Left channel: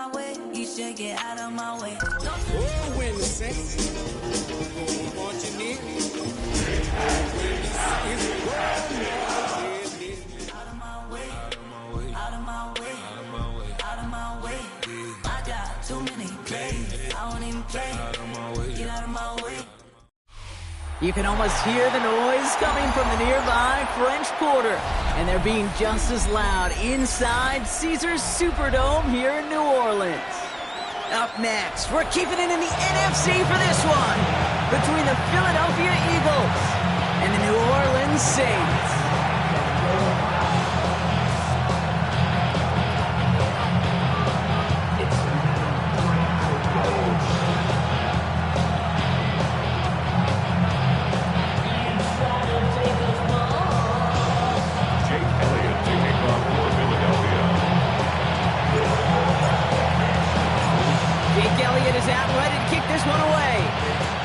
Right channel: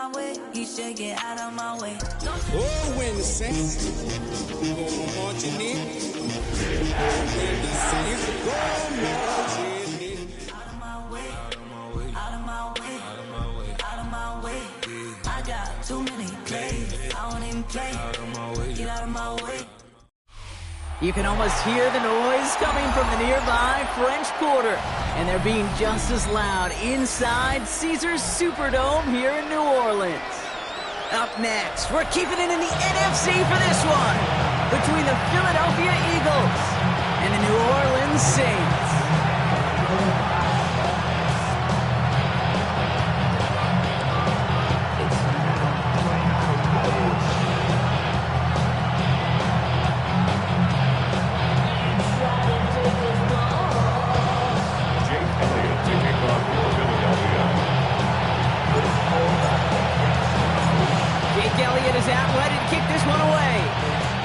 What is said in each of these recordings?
my way, you should get out of my way. Oh, when the Saints go marching in. Oh, when the Saints go marching in. Out of my way, out of my way, out of my way, out of my way, out of my way. I got too many plays, I won't even play. Out of my way, get out of my way. You can almost hear the noise coming from the nearby French Quarter, and they're being just as loud inside Caesars Superdome here in New Orleans. Up next, we're keeping it in the NFC for this one, between the Philadelphia Eagles and the New Orleans Saints. Elliott is out, ready to kick this one away.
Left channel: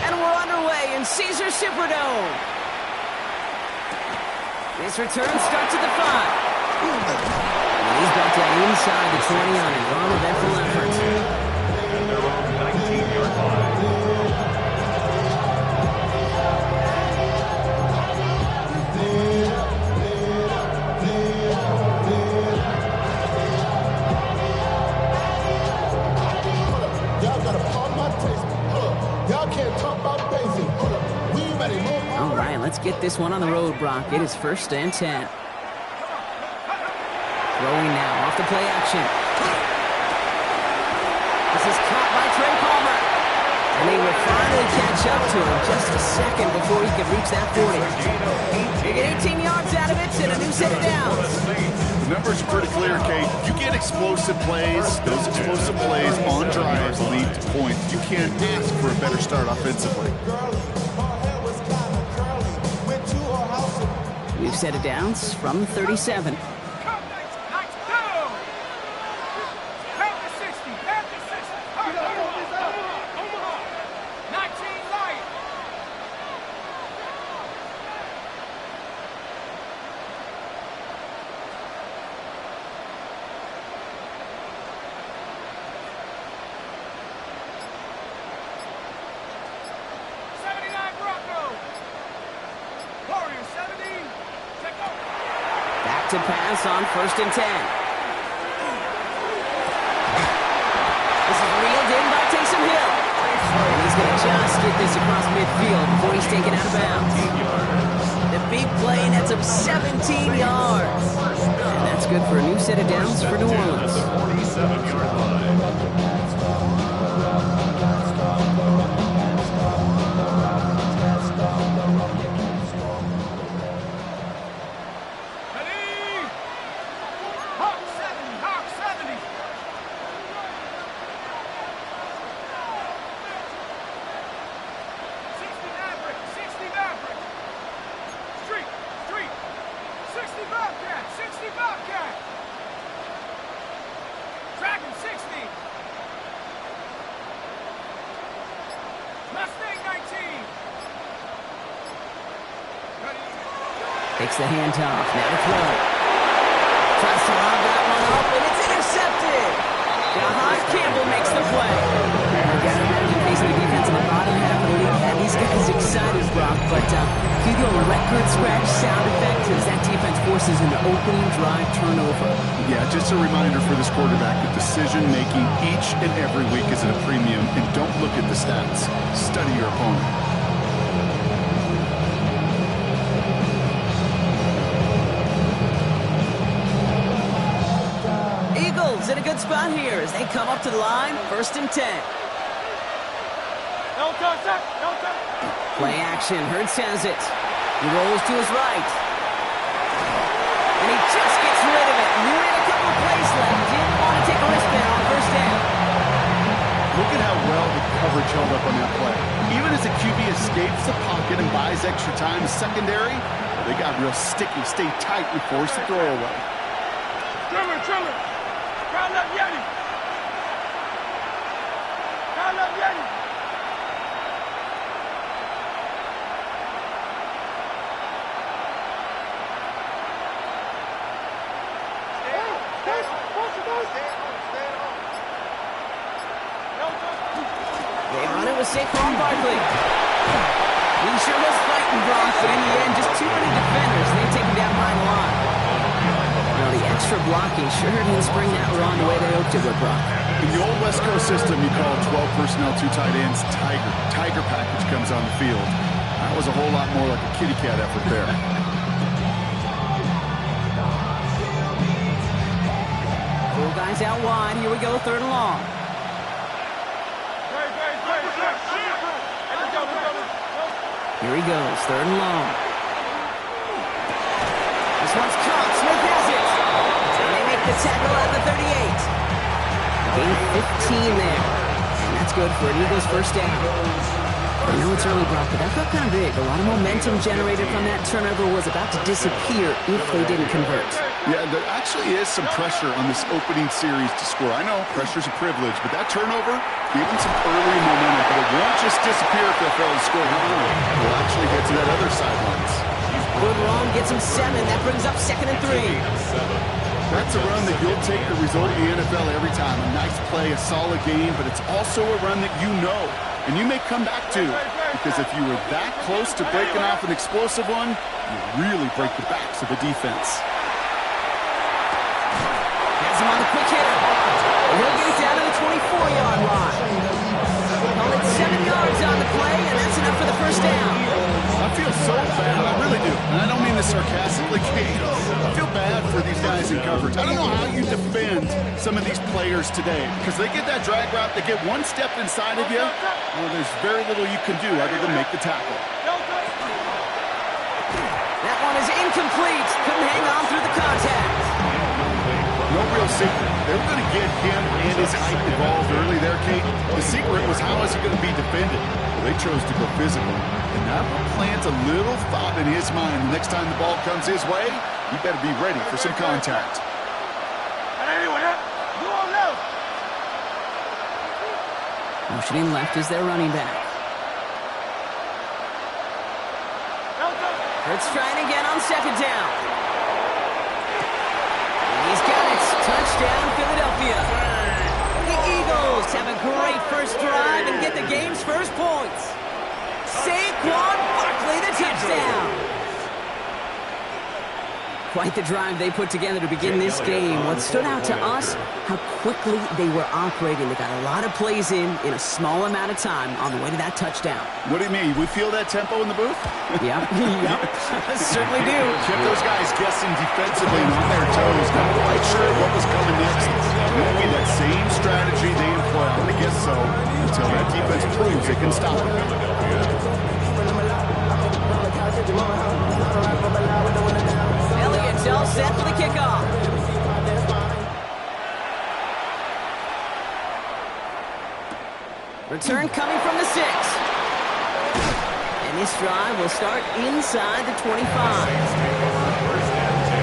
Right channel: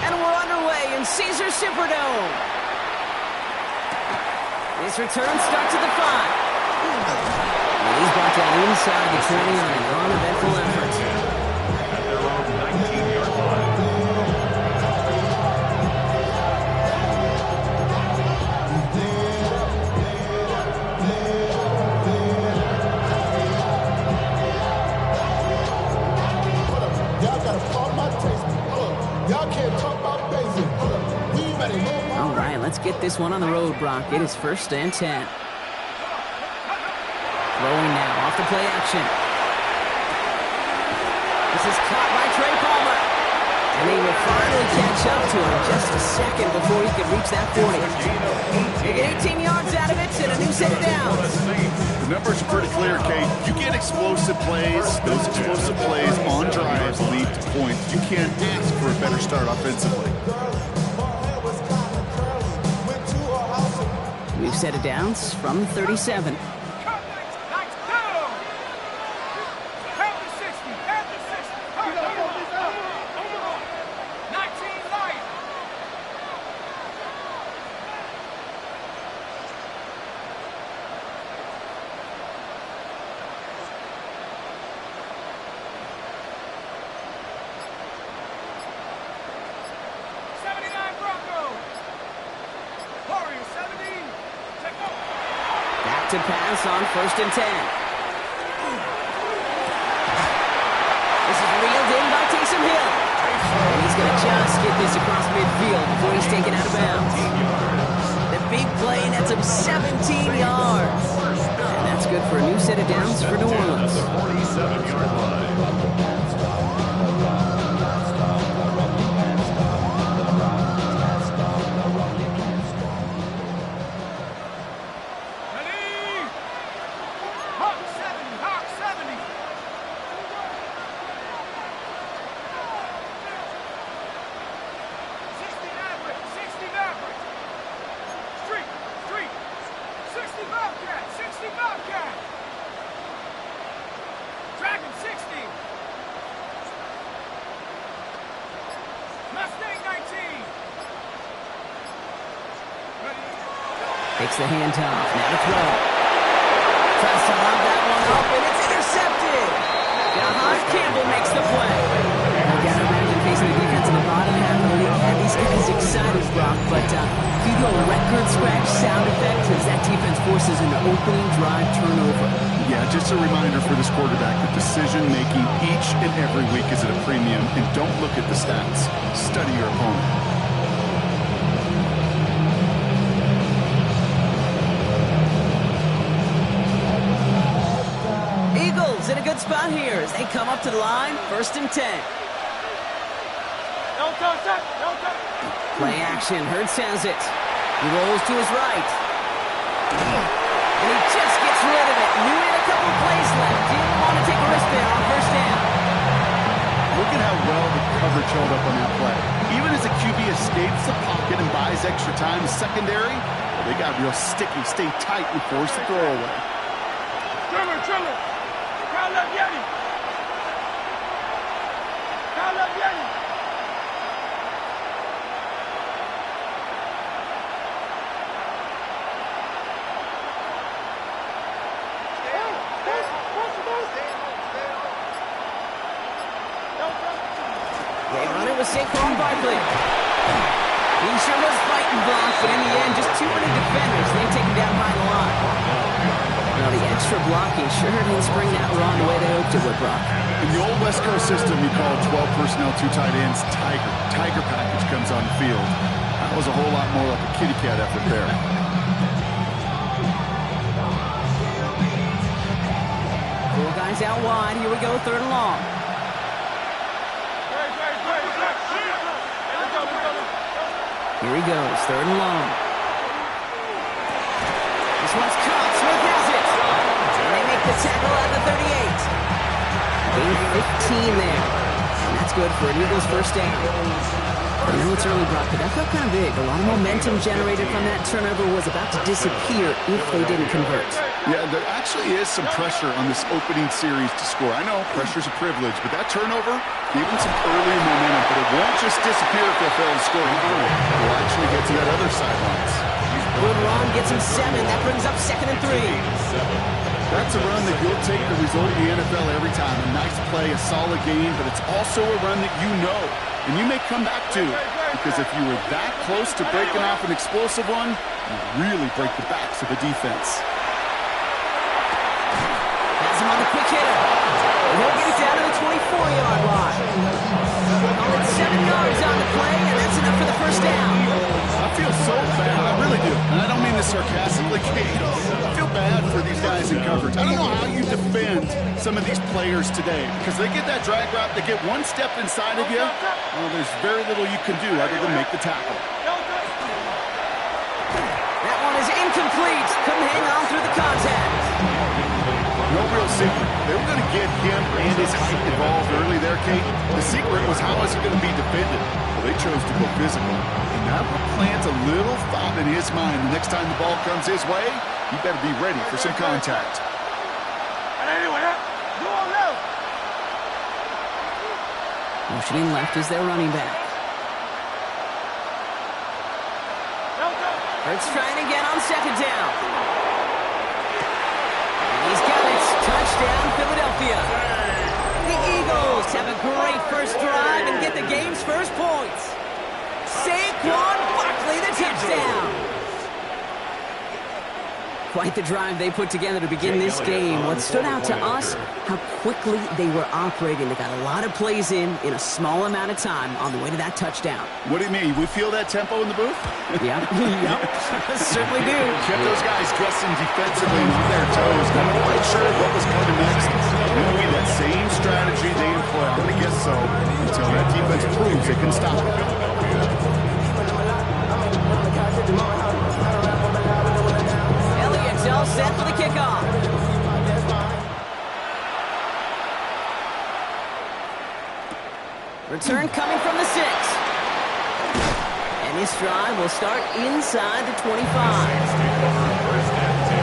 And we're underway in Caesars Superdome. This return starts at the 5. And he's brought down inside the 20 on an uneventful effort. At their own 19-yard line. Y'all can't talk about basic. We ready. All right, let's get this one on the road, Brock. It is 1st and 10. Throwing now off the play action. This is caught by Trey Palmer. And they will finally catch up to him just a second before he can reach that 40. They get 18 yards out of it and a new set of downs. The numbers are pretty clear, Kate. You get explosive plays. Those explosive plays on drives lead to points. You can't ask for a better start offensively. New set of downs from the 37. Back to pass on 1st and 10. This is reeled in by Taysom Hill. And he's going to just get this across midfield before he's taken out of bounds. The big play nets him 17 yards. And that's good for a new set of downs for New Orleans. 47-yard line. Takes the handoff, now to throw. Tries to lob that one up, and it's intercepted. Jahan Campbell makes the play. I've got to imagine facing the defense in the bottom half of the league had these guys excited, Brock, but you do a record scratch sound effect as that defense forces an opening drive turnover. Yeah, just a reminder for this quarterback that decision-making each and every week is at a premium, and don't look at the stats. Study your opponent. Eagles in a good spot here as they come up to the line, 1st and 10. Play action, Hurts has it. He rolls to his right. And he just gets rid of it. Knew he had a couple of plays left. Didn't want to take a risk there on 1st down. Look at how well the coverage held up on that play. Even as the QB escapes the pocket and buys extra time, the secondary, they got real sticky, stay tight and force the throw away. Triller. Kyle up Yeti. Kyle up Yeti. Stay at home. They run it with Saquon Barkley. He sure was fighting Brock, but in the end, just too many defenders. They take him down behind the line. Now, the extra blocking sure didn't spring that run the way they hoped it would, Brock. In the old West Coast system, you call 12 personnel, 2 tight ends, Tiger. Tiger package comes on the field. That was a whole lot more like a kitty cat effort there. Four guys out wide. Here we go, 3rd and long. Here he goes, 3rd and long. This one's caught. Smith has it. And they make the tackle at the 38. Gain 15 there. And that's good for an Eagles first down. I know it's early, Brock, but that felt kind of big. A lot of momentum generated from that turnover was about to disappear if they didn't convert. Yeah, there actually is some pressure on this opening series to score. I know pressure's a privilege, but that turnover gave them some early momentum, but it won't just disappear if they fail to score. We'll actually get to that other sidelines. Good run, gets him 7. That brings up 2nd and 3. That's a run that you'll take the result of the NFL every time. A nice play, a solid game, but it's also a run that you know, and you may come back to, because if you were that close to breaking off an explosive one, you really break the backs of the defense. Has him on the quick hitter. And he'll get it down to the 24-yard line. Call it 7 yards on the play, and that's enough for the first down. I feel so bad. I really do. And I don't mean this sarcastically, Kate. I feel bad for these guys in coverage. I don't know how you defend some of these players today, because they get that drag route, they get one step inside of you, well, there's very little you can do other than make the tackle. That one is incomplete. Couldn't hang on through the contact. No real secret. They were going to get him and his height involved early there, Kate. The secret was how is he going to be defended? Well, they chose to go physical. And that will plant a little thought in his mind. The next time the ball comes his way, he better be ready for some contact. Motioning left is their running back. Hurts trying again on 2nd down. And he's got it. Touchdown, Philadelphia. The Eagles have a great first drive and get the game's first points. Saquon Barkley, the touchdown. Quite the drive they put together to begin this game. What stood out to us, how quickly they were operating. They got a lot of plays in a small amount of time on the way to that touchdown. What do you mean? We feel that tempo in the booth? Yep, certainly do. Kept those guys guessing defensively and on their toes. Not quite sure what was coming next. It will be that same strategy they employ. I'm going to guess so until that defense proves they can stop it. Elliott's all set for the kickoff. Return coming from the 6. And this drive will start inside the 25. Saints take over 1st and 10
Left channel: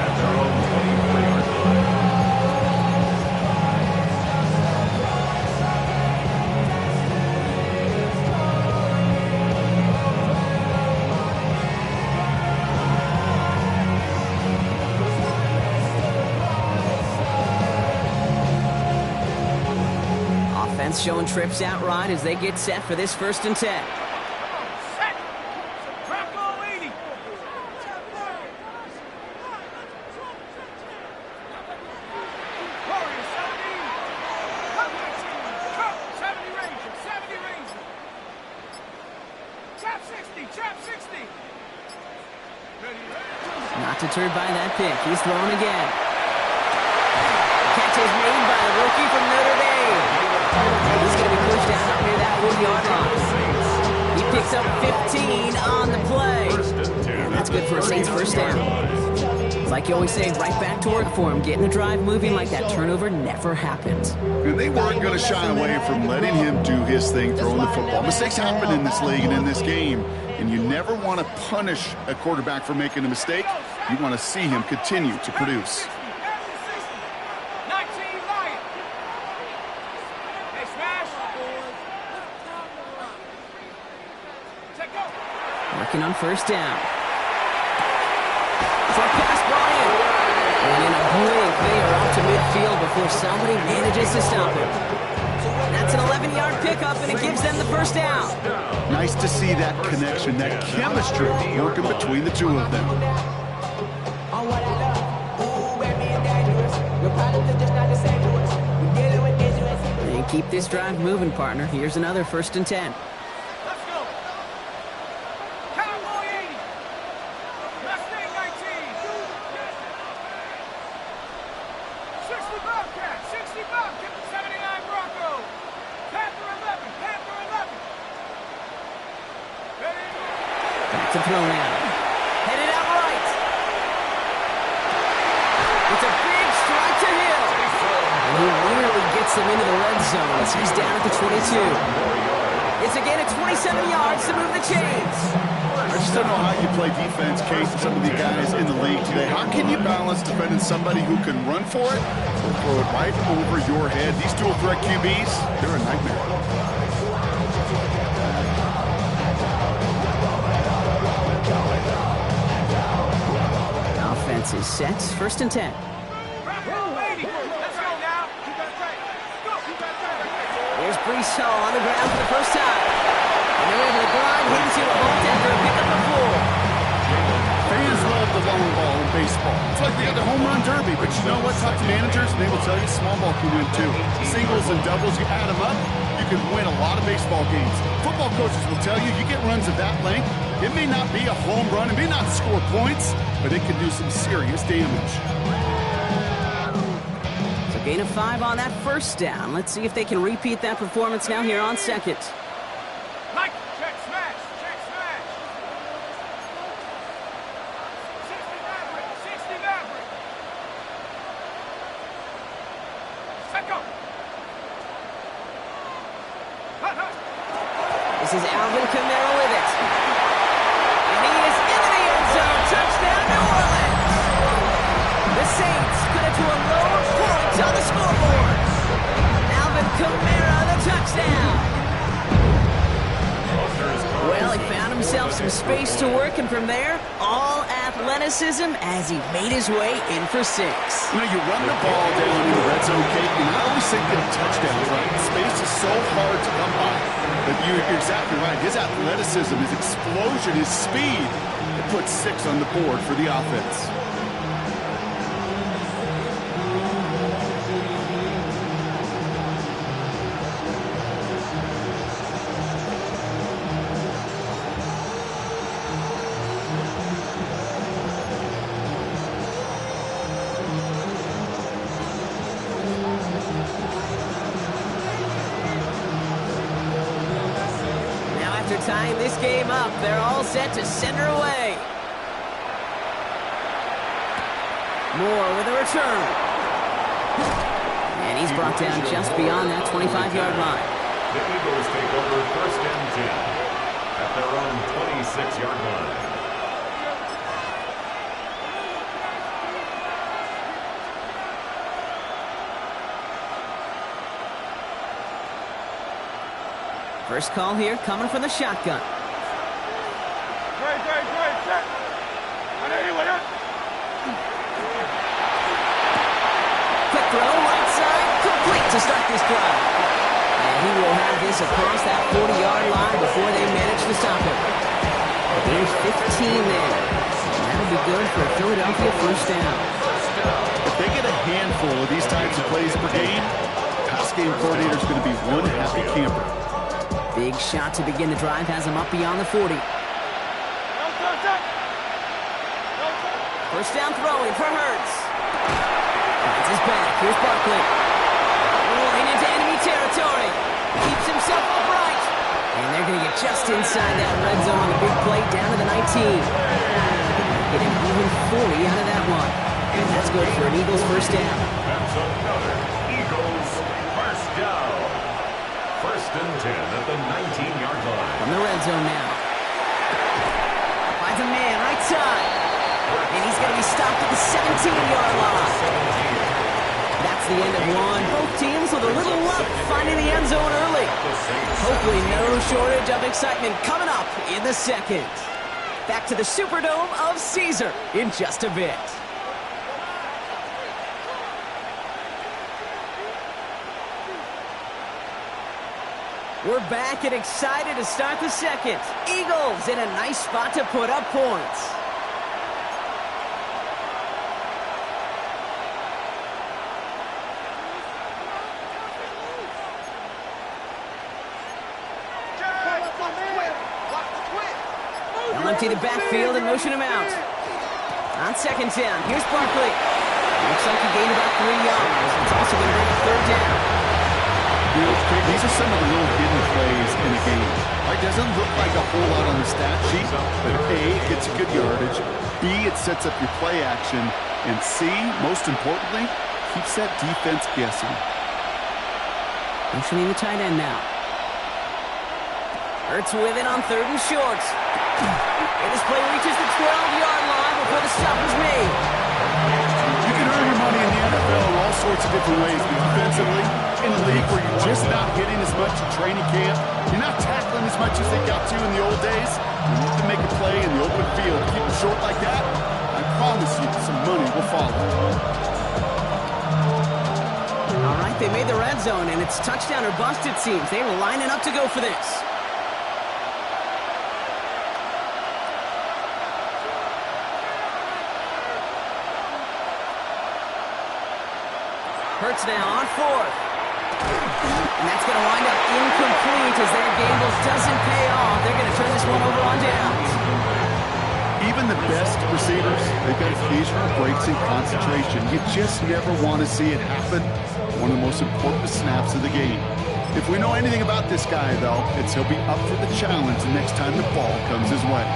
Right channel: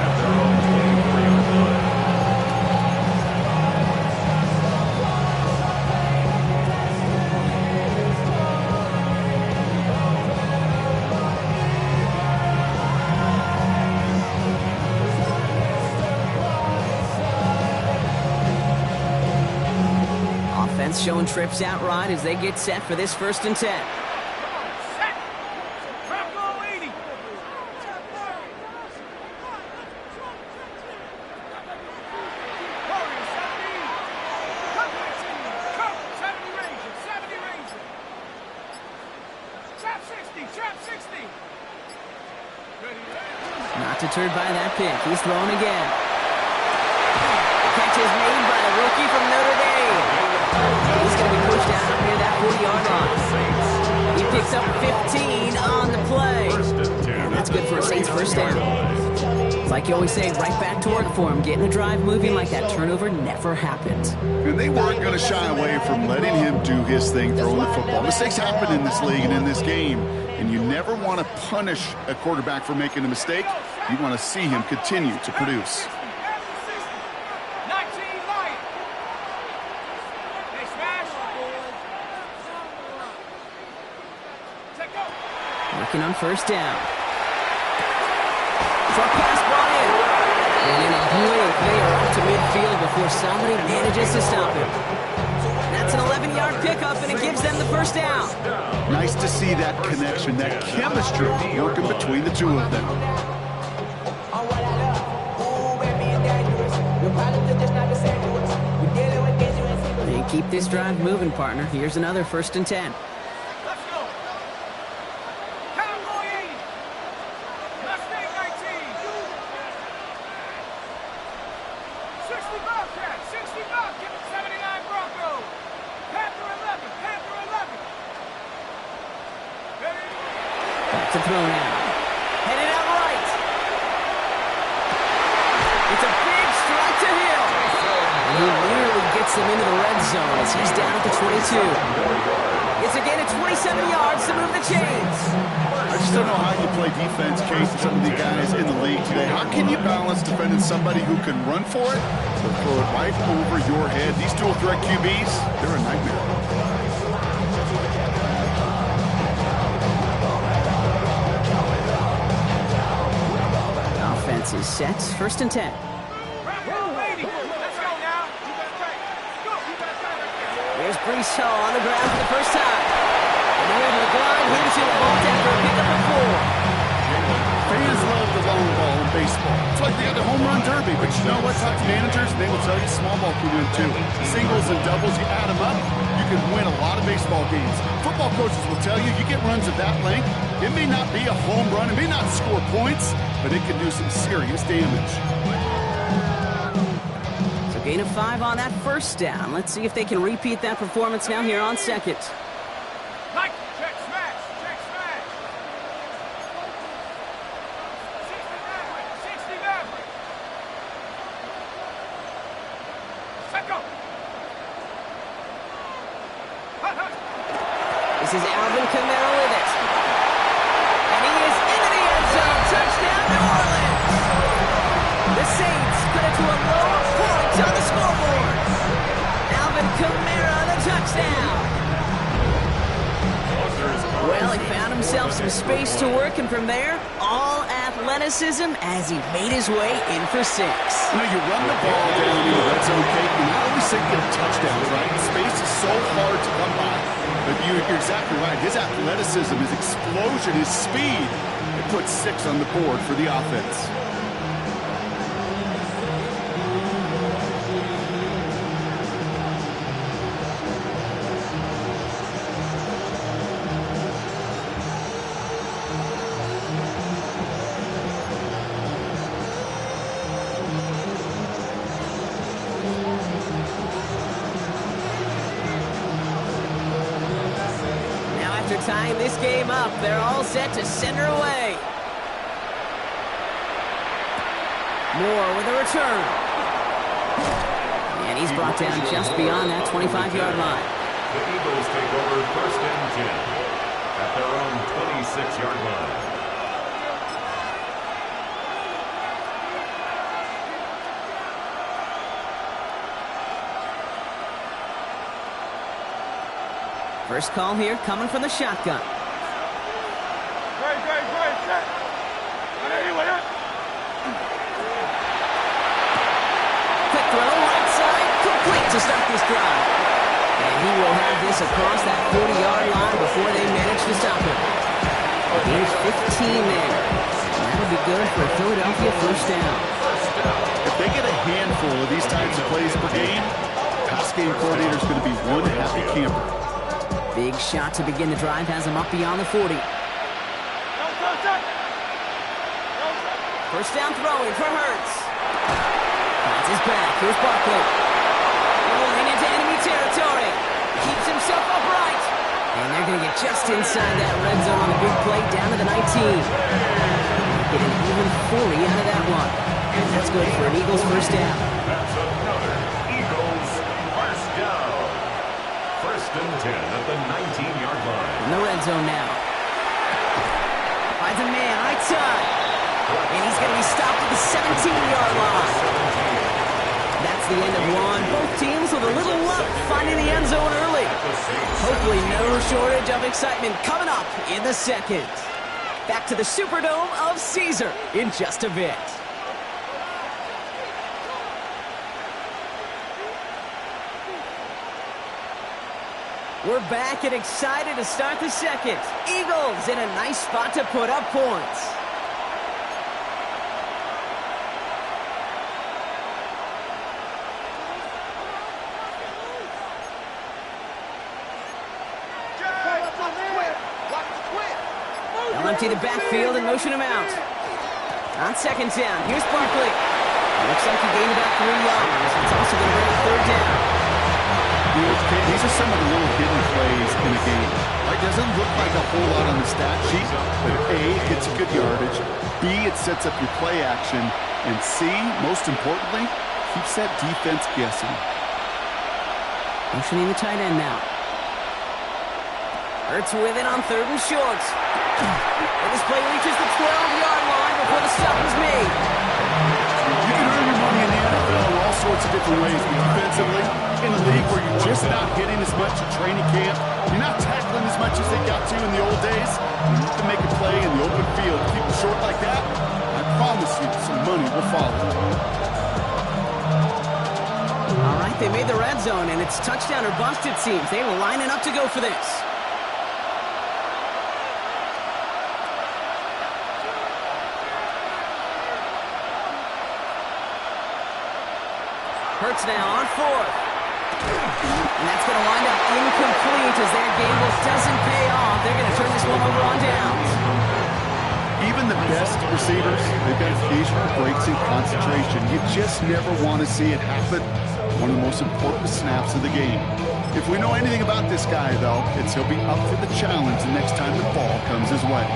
at their own 24-yard line. Offense showing trips out right as they get set for this 1st and 10. Not deterred by that pick. He's throwing again. The catch is made by a rookie from Notre Dame. He's going to be pushed down up near that 40-yard line. He picks up 15 on the play. And that's good for a Saints first down. It's like you always say, right back to work for him. Getting the drive moving like that turnover never happened. And they weren't going to shy away from letting him do his thing, throwing the football. Mistakes happen in this league and in this game. And you never want to punish a quarterback for making a mistake. You want to see him continue to produce. Working on first down. Short pass brought in. And in a blink, they are out to midfield before somebody manages to stop him. That's an 11-yard pickup, and it gives them the first down. Nice to see that connection, that chemistry working between the two of them. And keep this drive moving, partner. Here's another 1st and 10. Let's go. Cowboy 80. Mustang 19. 60 Bobcat. 60 Bobcat. 79 Bronco. Panther 11. Panther 11. Ready? Back to throw now. Headed out right. It's a big strike to Hill. And he nearly gets them into the red zone as he's down at the 22. It's a gain of 27 yards to move the chains. I just don't know how you play defense, Case, and some of the guys in the league today. How can you balance defending somebody who can run for it or throw it right over your head? These dual threat QBs, they're a nightmare. Offense is set. 1st and 10. Here's Brees Hall on the ground for the first time. And they're able to grind him to a halt after a pickup of 4. Fans love the long ball in baseball. It's like they got the home run derby, but you know what? Talk to managers, and they will tell you small ball can win too. Singles and doubles, you add them up, you can win a lot of baseball games. Football coaches will tell you, you get runs of that length, it may not be a home run, it may not score points, but it can do some serious damage. So gain of 5 on that first down. Let's see if they can repeat that performance now here on 2nd. Mike, check smash. Check smash. 60 Maverick. 60 Maverick. Set go. Hut, hut. This is Alvin Kamara with it. And he is into the end zone. Touchdown, New Orleans. The Saints cut it to a lower point on the scoreboard. Alvin Kamara, the touchdown. Well, he found himself some space to work, and from there, all athleticism as he made his way in for 6. You know, you run the ball down in the red zone, Kate, you not always say get touchdowns, right? Space is so hard to come by. But you're exactly right. His athleticism, his explosion, his speed, it puts 6 on the board for the offense. After tying this game up, they're all set to send her away. Moore with a return. And he's brought down just beyond that 25-yard line. The Eagles take over 1st and 10 at their own 26-yard line. First call here coming from the shotgun. Great, check. Quick throw, right side, complete to start this drive. And he will have this across that 40-yard line before they manage to stop him. There's 15 there. And that'll be good for a Philadelphia first down. If they get a handful of these types of plays per game, pass game coordinator is going to be one happy camper. Big shot to begin the drive has him up beyond the 40. First down throwing for Hurts. Finds his back. Here's Barkley. Rolling into enemy territory. Keeps himself upright. And they're going to get just inside that red zone on the big play down to the 19. Get an even 40 out of that one. And that's good for an Eagles first down. That's another Eagles first down. 1st and 10 at the 19-yard line. From the red zone now. Finds a man right side. And he's going to be stopped at the 17-yard line. That's the end of one. Both teams with a little luck finding the end zone early. Hopefully no shortage of excitement coming up in the 2nd. Back to the Superdome of Caesar in just a bit. We're back and excited to start the second. Eagles in a nice spot to put up points. They'll empty the backfield and motion him out. On second down, here's Barkley. Looks like he gained about 3 yards. It's also going to bring a third down. You know, these are some of the little hidden plays in a game. Right? Doesn't look like a whole lot on the stat sheet, but A, it gets you good yardage. B, it sets up your play action. And C, most importantly, keeps that defense guessing. Motioning the tight end now. Hurts with it on 3rd and short. And this play reaches the 12-yard line before the stop is made. You can earn your money in the NFL in all sorts of different ways, but defensively, in a league where you're just not hitting as much in training camp, you're not tackling as much as they got to in the old days, you need to make a play in the open field. Keep them short like that, I promise you some money will follow. All right, they made the red zone, and it's touchdown or bust, it seems. They were lining up to go for this. Hurts now on 4th. And that's going to wind up incomplete as their gamble doesn't pay off. They're going to turn this one over on downs. Even the best receivers, they've got occasional breaks in concentration. You just never want to see it happen. One of the most important snaps of the game. If we know anything about this guy, though, it's he'll be up for the challenge the next time the ball comes his way.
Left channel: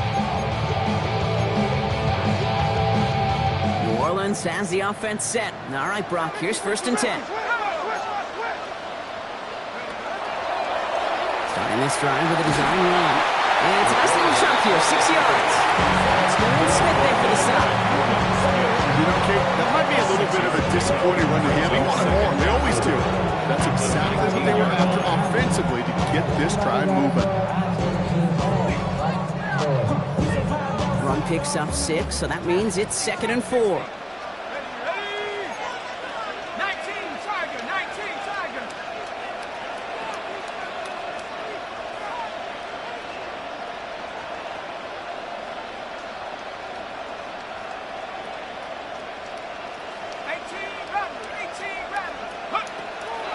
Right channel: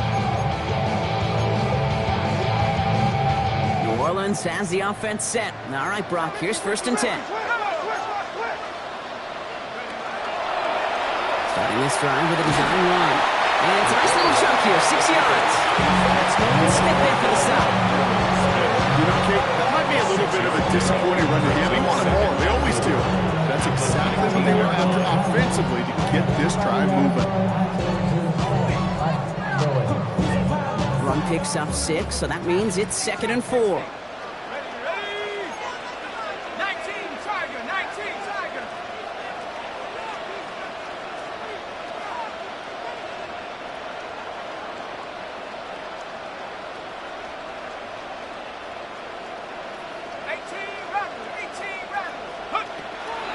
New Orleans has the offense set. All right, Brock, here's 1st and 10. Starting this drive with a design run. And it's a nice little chunk here, 6 yards. It's Nolan Smith there for the stop. You know, Kate, that might be a little bit of a disappointing run to him. He wanted more. They always do. That's exactly what they were after offensively to get this drive moving. Run picks up 6, so that means it's 2nd and 4.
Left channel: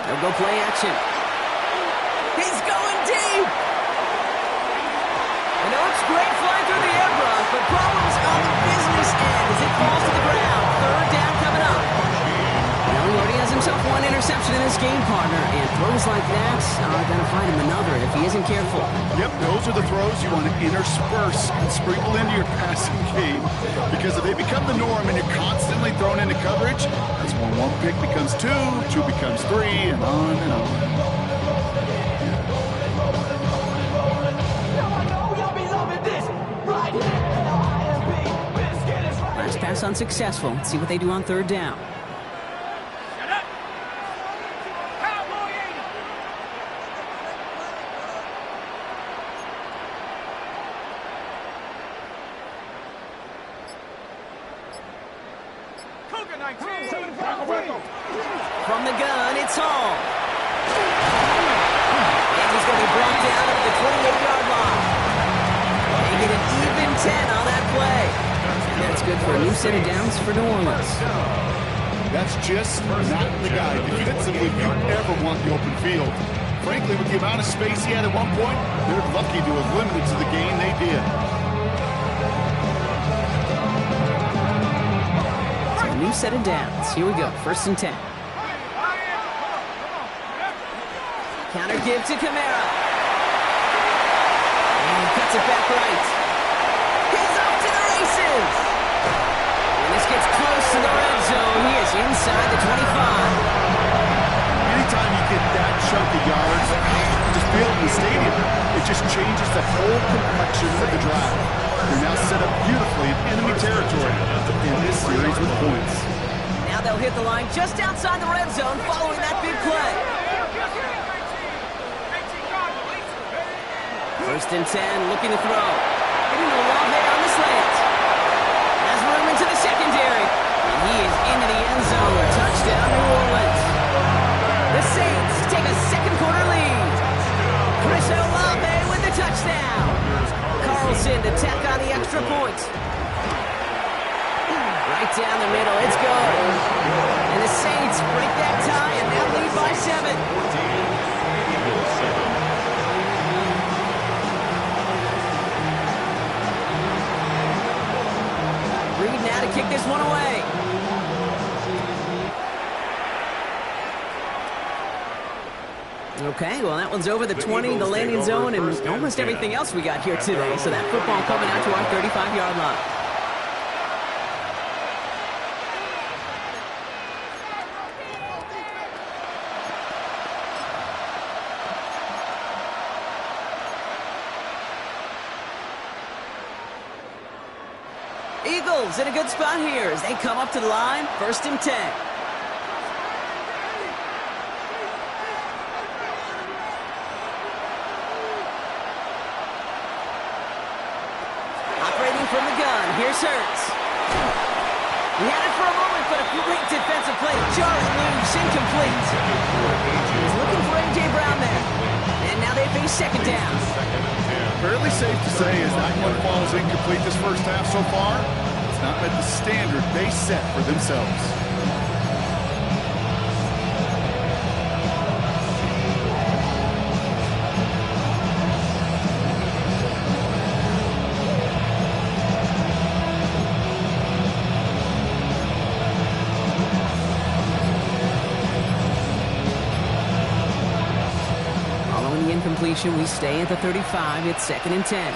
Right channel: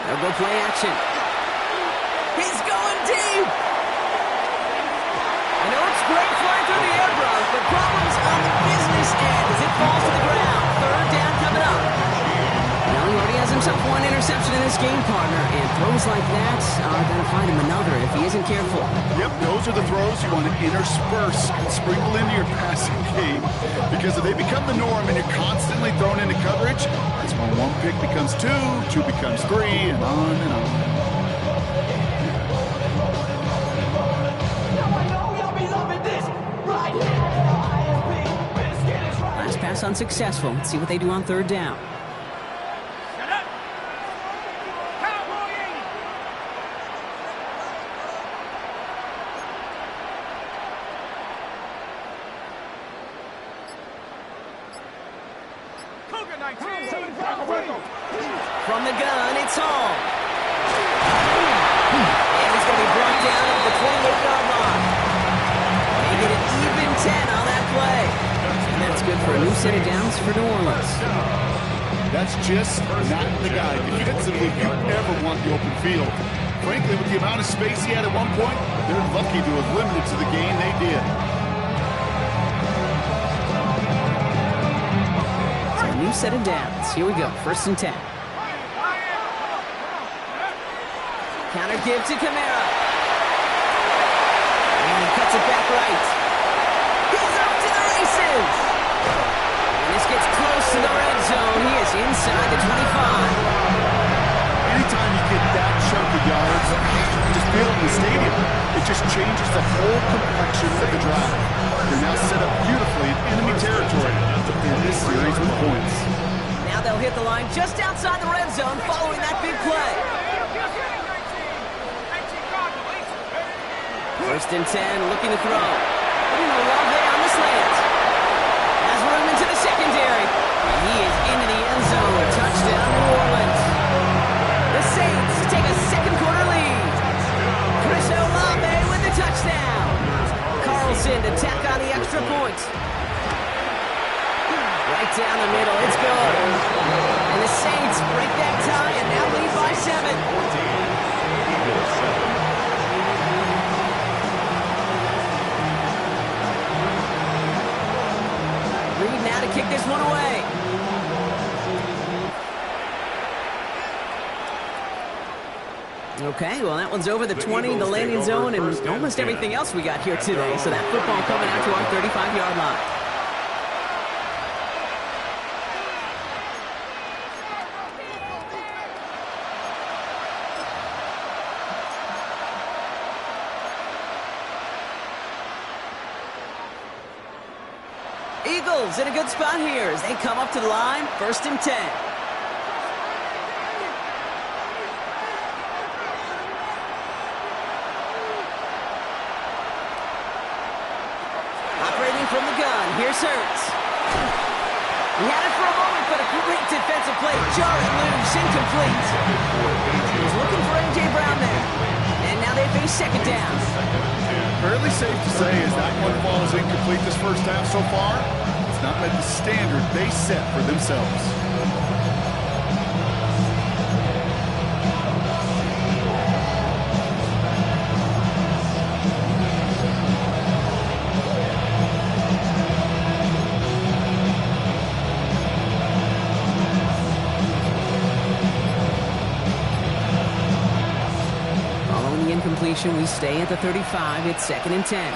They'll go play action. He's going deep. You know, it's great flying through the air, Brock, but problems on the business end as it falls to the ground. 3rd down coming up. Well, he already has himself 1 interception in this game, partner, and throws like that are going to find him another if he isn't careful. Yep, those are the throws you want to intersperse and sprinkle into your passing game. Because if they become the norm and you're constantly thrown into coverage, that's when 1 pick becomes 2, 2 becomes 3, and on and on. Last pass unsuccessful. Let's see what they do on 3rd down. From the gun, it's Hall. And he's going to be brought down at the 28-yard line. Making it even 10 on that play. And that's good for a new set of downs for New Orleans. That's just not the guy defensively you ever want the open field. Frankly, with the amount of space he had at one point, they're lucky to have limited to the gain they did. So a new set of downs. Here we go, 1st and 10. Counter give to Kamara. And he cuts it back right. He's off to the races. And this gets close to the red zone. He is inside the 25. Anytime you get that chunk of yards, just feel it in the stadium. It just changes the whole complexion of the drive. They're now set up beautifully in enemy territory in this series with points. Now they'll hit the line just outside the red zone following that big play. 1st and 10, looking to throw. Putting Olave on the slant. Has room into the secondary. And he is into the end zone. Touchdown, New Orleans. The Saints take a second quarter lead. down. Carlson to tack on the extra point. Right down the middle, it's good. And the Saints break that tie and now lead by 7. 14, Eagles 7. Reed now to kick this one away. Okay, well, that one's over the 20, the landing zone, and almost everything else we got here today. So that football coming out to our 35-yard line. Eagles in a good spot here as they come up to the line, 1st and 10. Operating from the gun, here's Hurts. He had it for a moment, but a great defensive play. Jarring loose, incomplete. He's looking for A.J. Brown there. And now they face 2nd down. Fairly safe to say as that one falls incomplete this first half so far, it's not met the standard they set for themselves. Following the incompletion, we stay at the 35. It's 2nd and 10.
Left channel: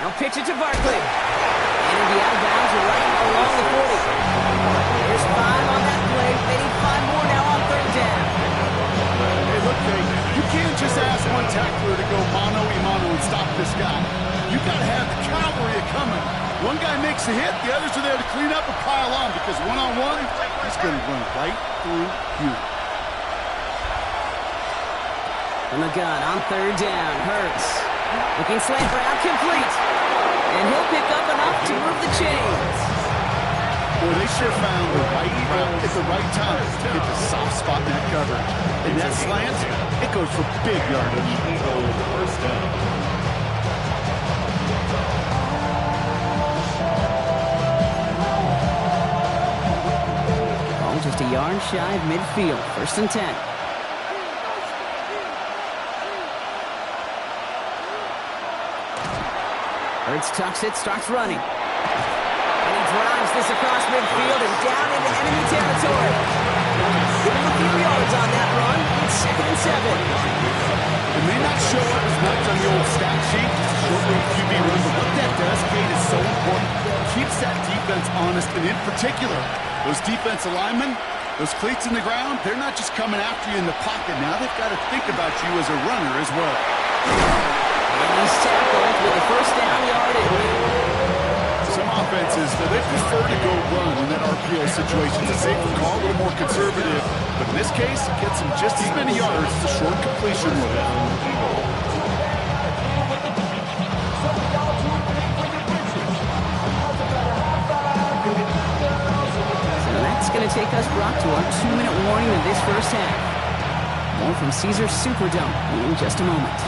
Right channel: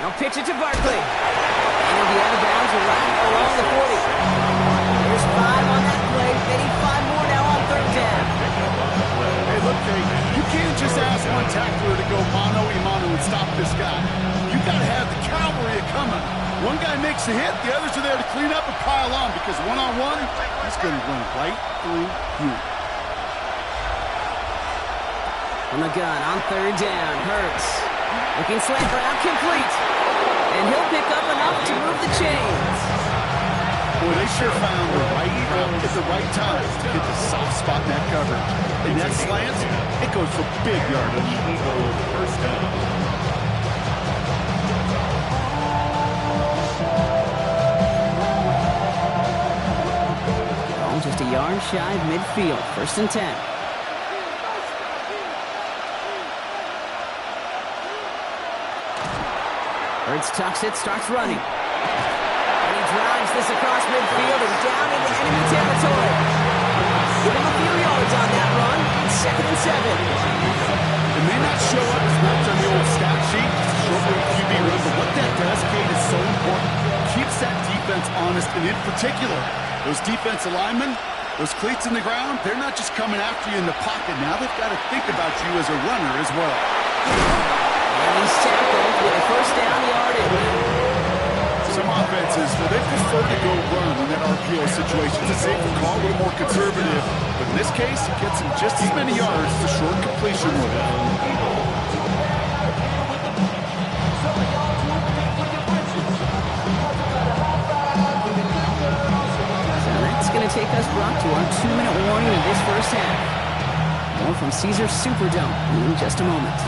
Now pitch it to Barkley. And he'll be out of bounds right along the 40. There's 5 on that play. They need 5 more now on 3rd down. Hey, look, Kate, you can't just ask one tackler to go mano-a-mano and stop this guy. You got to have the cavalry coming. One guy makes a hit, the others are there to clean up and pile on because one-on-one, he's going to run right through you. From the gun on 3rd down, Hurts. Looking slant route, complete. And he'll pick up enough to move the chains. Boy, they sure found the right route at the right time to hit the soft spot in that coverage. And that slant, it goes for big yardage. Eagles 1st down. Ball just a yard shy of midfield, 1st and 10. Hurts tucks it, starts running. And he drives this across midfield and down into enemy territory. Give him a few yards on that run. It's 2nd and 7. It may not show up as much on the old stat sheet, just a short little QB run, but what that does, Kate, is so important. Keeps that defense honest, and in particular, those defensive linemen, those cleats in the ground, they're not just coming after you in the pocket. Now they've got to think about you as a runner as well. And he's tackled with a 1st down yardage. Some offenses, they prefer to go run in that RPO situation. It's a safer call, a little more conservative. But in this case, it gets him just as many yards as a short completion would have. So that's going to take us, Brock, to our 2-minute warning of this first half. More from Caesars Superdome in just a moment.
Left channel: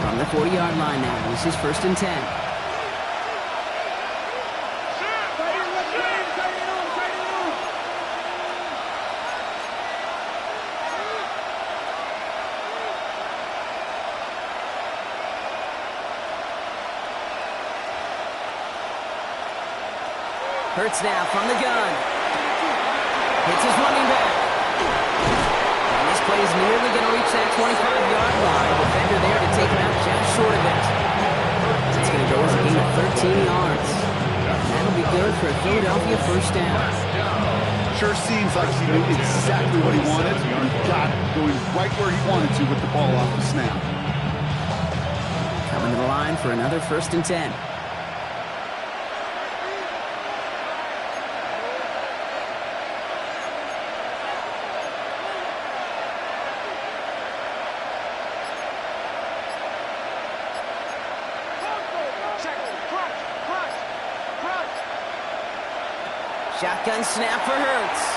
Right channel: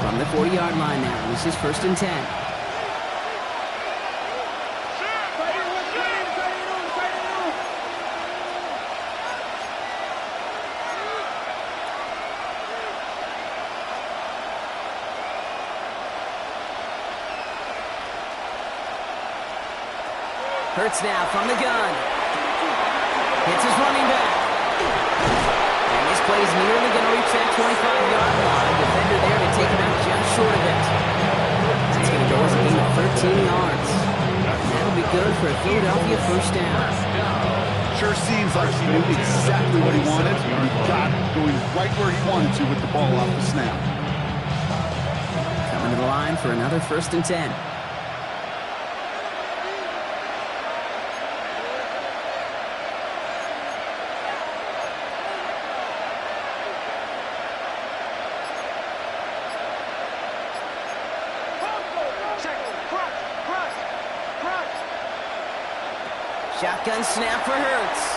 From the 40-yard line now, this is 1st and 10. Hurts now from the gun. Hits his running back. And this play is nearly going to reach that 25-yard line. Defender there to take him out just short of it. It's going to go as a gain of 13 yards. And that'll be good for a Philadelphia 1st down. Sure seems like he knew exactly what he wanted, and he got it, going right where he wanted to with the ball off the snap. Coming to the line for another 1st and 10. Shotgun snap for Hurts.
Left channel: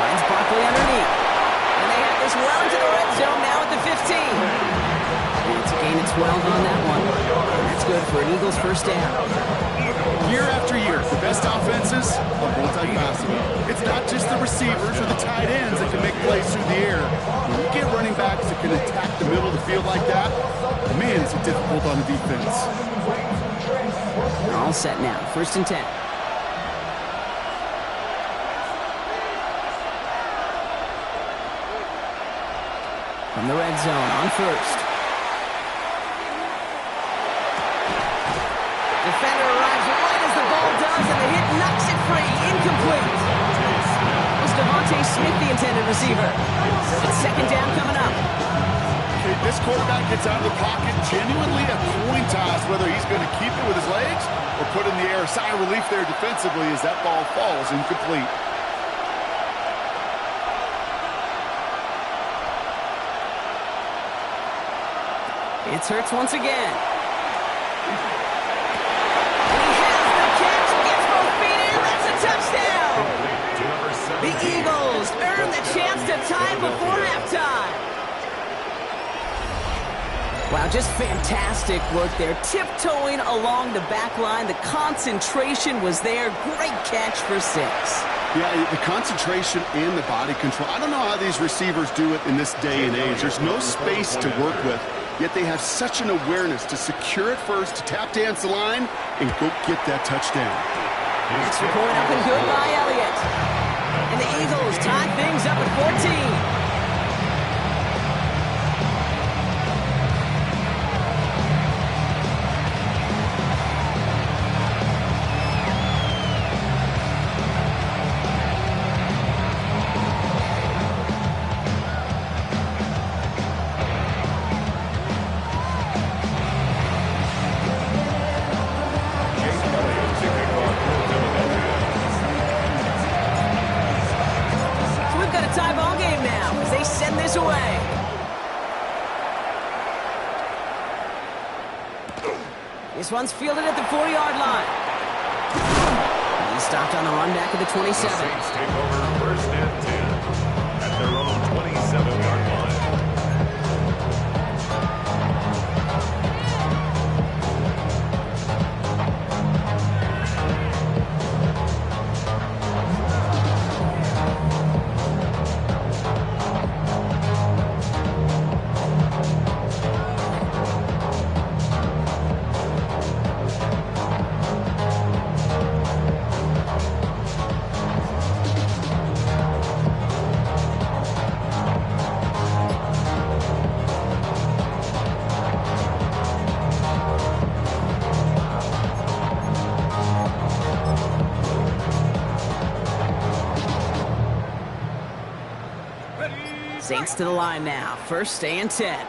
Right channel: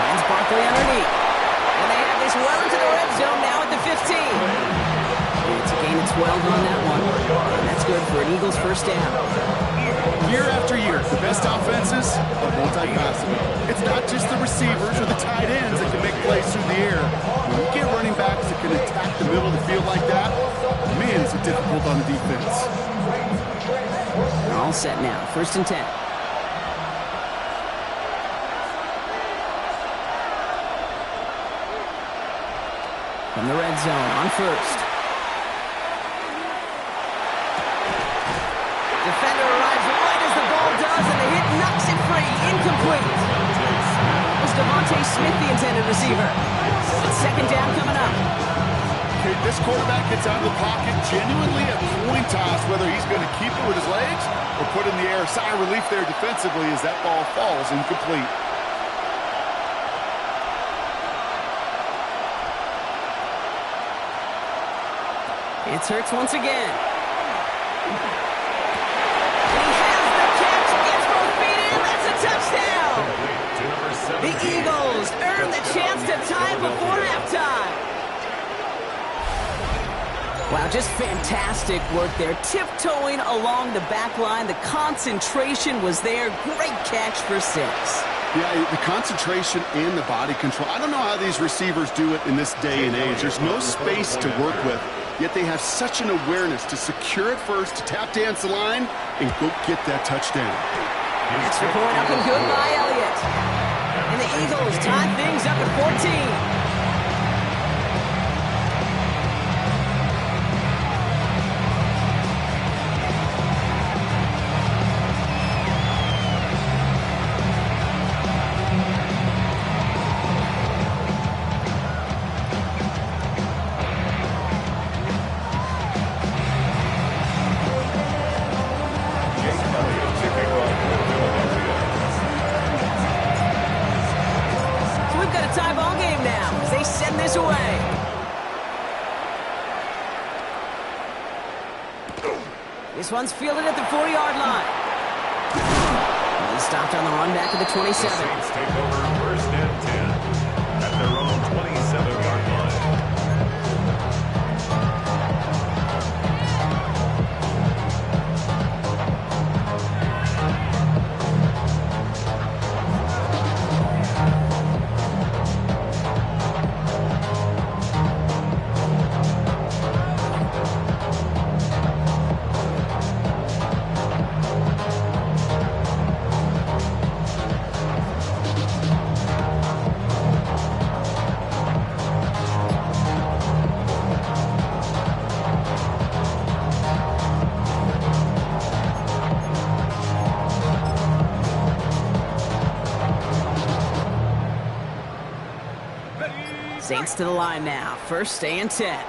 Finds Barkley underneath. And they have this well into the red zone now at the 15. And it's a gain of 12 on that one. And that's good for an Eagles first down. Year after year, the best offenses are multifaceted. It's not just the receivers or the tight ends that can make plays through the air. When you get running backs that can attack the middle of the field like that, man, is it difficult on the defense. They're all set now. 1st and 10. From the red zone on 1st. Defender arrives right as the ball does, and the hit knocks it free. Incomplete. It was Devontae Smith, the intended receiver. So it's 2nd down coming up. Okay, this quarterback gets out of the pocket, genuinely a coin toss whether he's going to keep it with his legs or put in the air. Sigh of relief there defensively as that ball falls incomplete. It's Hurts once again. And he has the catch, gets both feet in, that's a touchdown! The Eagles earn the chance to tie before halftime. Wow, just fantastic work there. Tiptoeing along the back line. The concentration was there. Great catch for 6. Yeah, the concentration and the body control. I don't know how these receivers do it in this day and age. There's no space to work with, yet they have such an awareness to secure it first, to tap dance the line, and go get that touchdown. Extra point up and good by Elliott. And the Eagles tie things up at 14. This one's fielded at the 4-yard line. And he's stopped on the run back at the 27. The Saints take over 1st and 10 at their own 27-yard line. Saints to the line now. 1st and 10. They're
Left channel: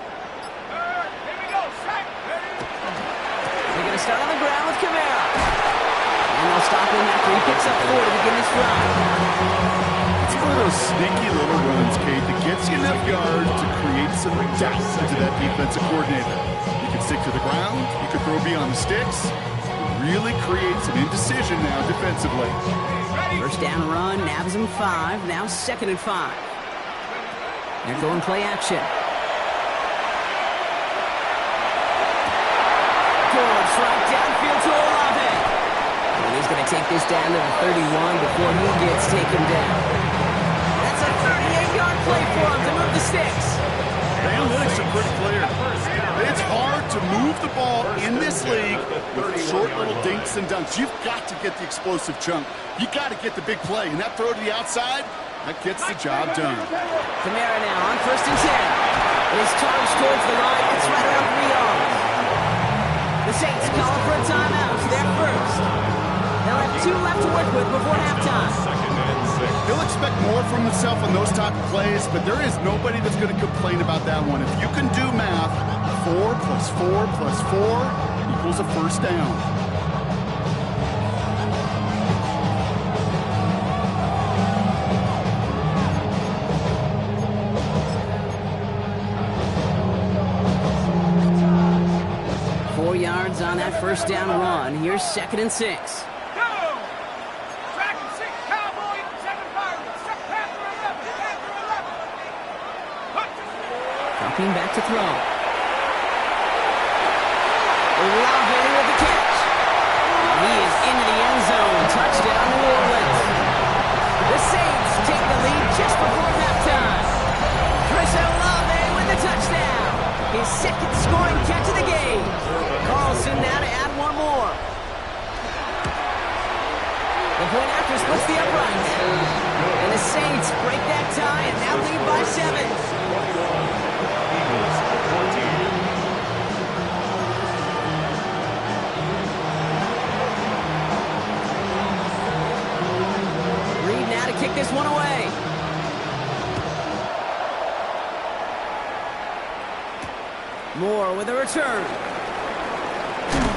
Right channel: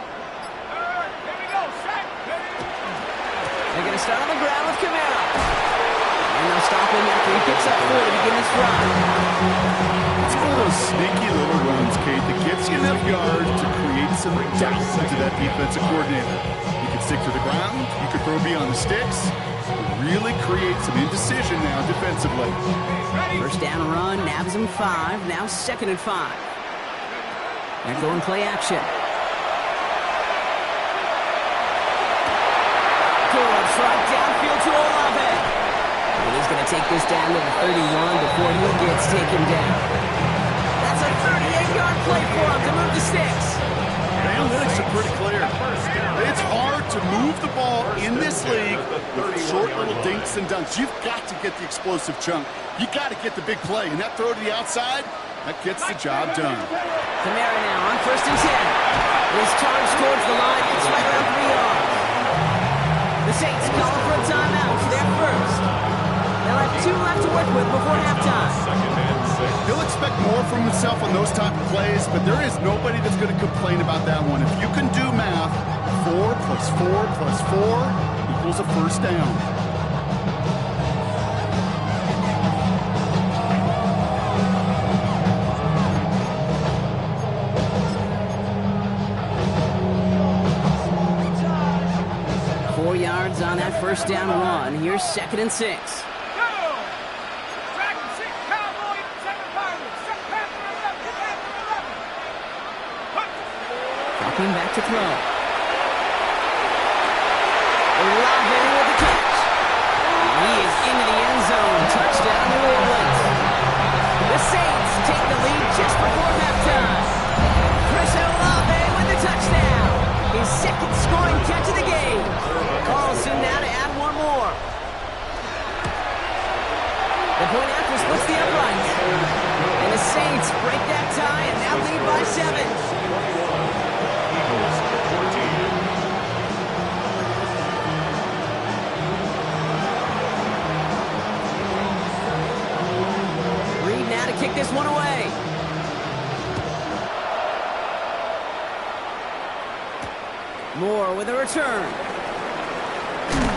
going to start on the ground with Kamara. And they'll stop him after he picks up 4 to begin this drive. It's one of those sneaky little runs, Kate, that gets you enough yards to create some doubt into that defensive coordinator. You can stick to the ground. You can throw beyond the sticks. Really create some indecision now defensively. 1st down run, nabs him 5. Now 2nd and 5. They're going play action. Good right downfield to Olave. And he's going to take this down to the 31 before he gets taken down. That's a 38-yard play for him to move the sticks. The analytics are pretty clear. It's hard to move the ball in this league with short little dinks and dunks. You've got to get the explosive chunk. You got to get the big play. And that throw to the outside, that gets the job done. Kamara now on 1st and 10. It is charged towards the line. It's right around 3 yards. The Saints calling for a timeout. They're first. They'll have 2 left to work with before halftime. 2nd and 6. He'll expect more from himself on those type of plays, but there is nobody that's going to complain about that one. If you can do math, 4 plus 4 plus 4 equals a 1st down. Yards on that 1st down run. Here's 2nd and 6. Stepping back to throw. Olave with the catch. He is into the end zone. Touchdown, New Orleans. The Saints take the lead just before halftime. Chris Olave with the touchdown. His second scoring catch of the game. Carlson now to add one more. The point after splits the uprights. And the Saints break that tie and now lead by 7. Eagles 14. Reed now to kick this one away. Moore with a return.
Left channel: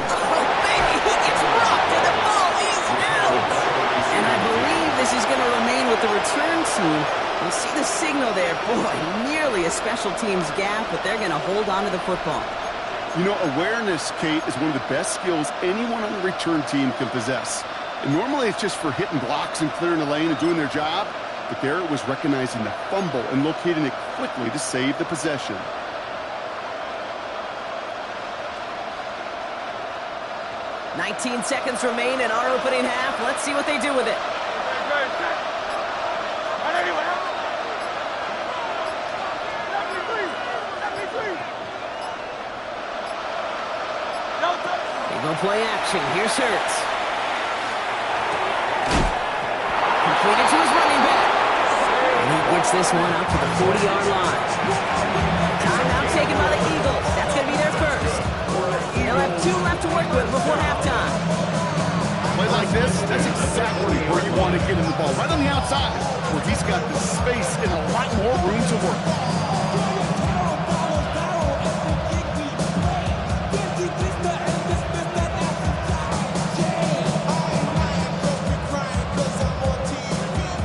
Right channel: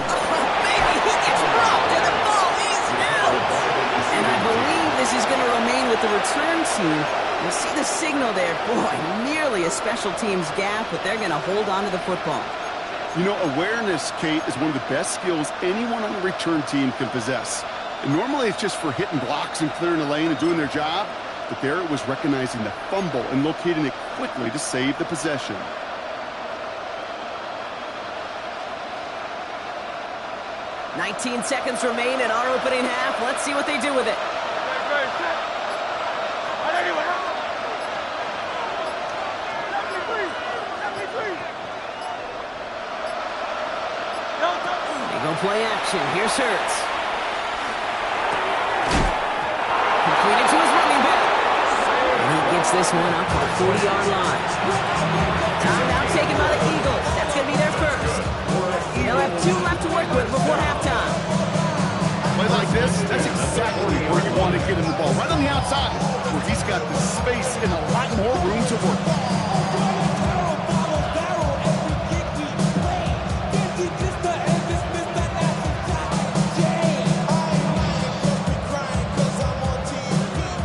Oh, baby, he gets rocked and the ball is out. And I believe this is going to remain with the return team. You'll see the signal there. Boy, nearly a special teams gap, but they're going to hold on to the football. You know, awareness, Kate, is one of the best skills anyone on the return team can possess. And normally it's just for hitting blocks and clearing the lane and doing their job. But there it was recognizing the fumble and locating it quickly to save the possession. "19 seconds remain in our opening half. Let's see what they do with it. They go play action. Here's Hurts. Completed to his running back. And he gets this one up to the 40-yard line. Timeout taken by the Eagles. That's going to be their first. They'll have 2 left to work with before halftime. Play like this, that's exactly where you want to get him the ball. Right on the outside, where he's got the space and a lot more room to work.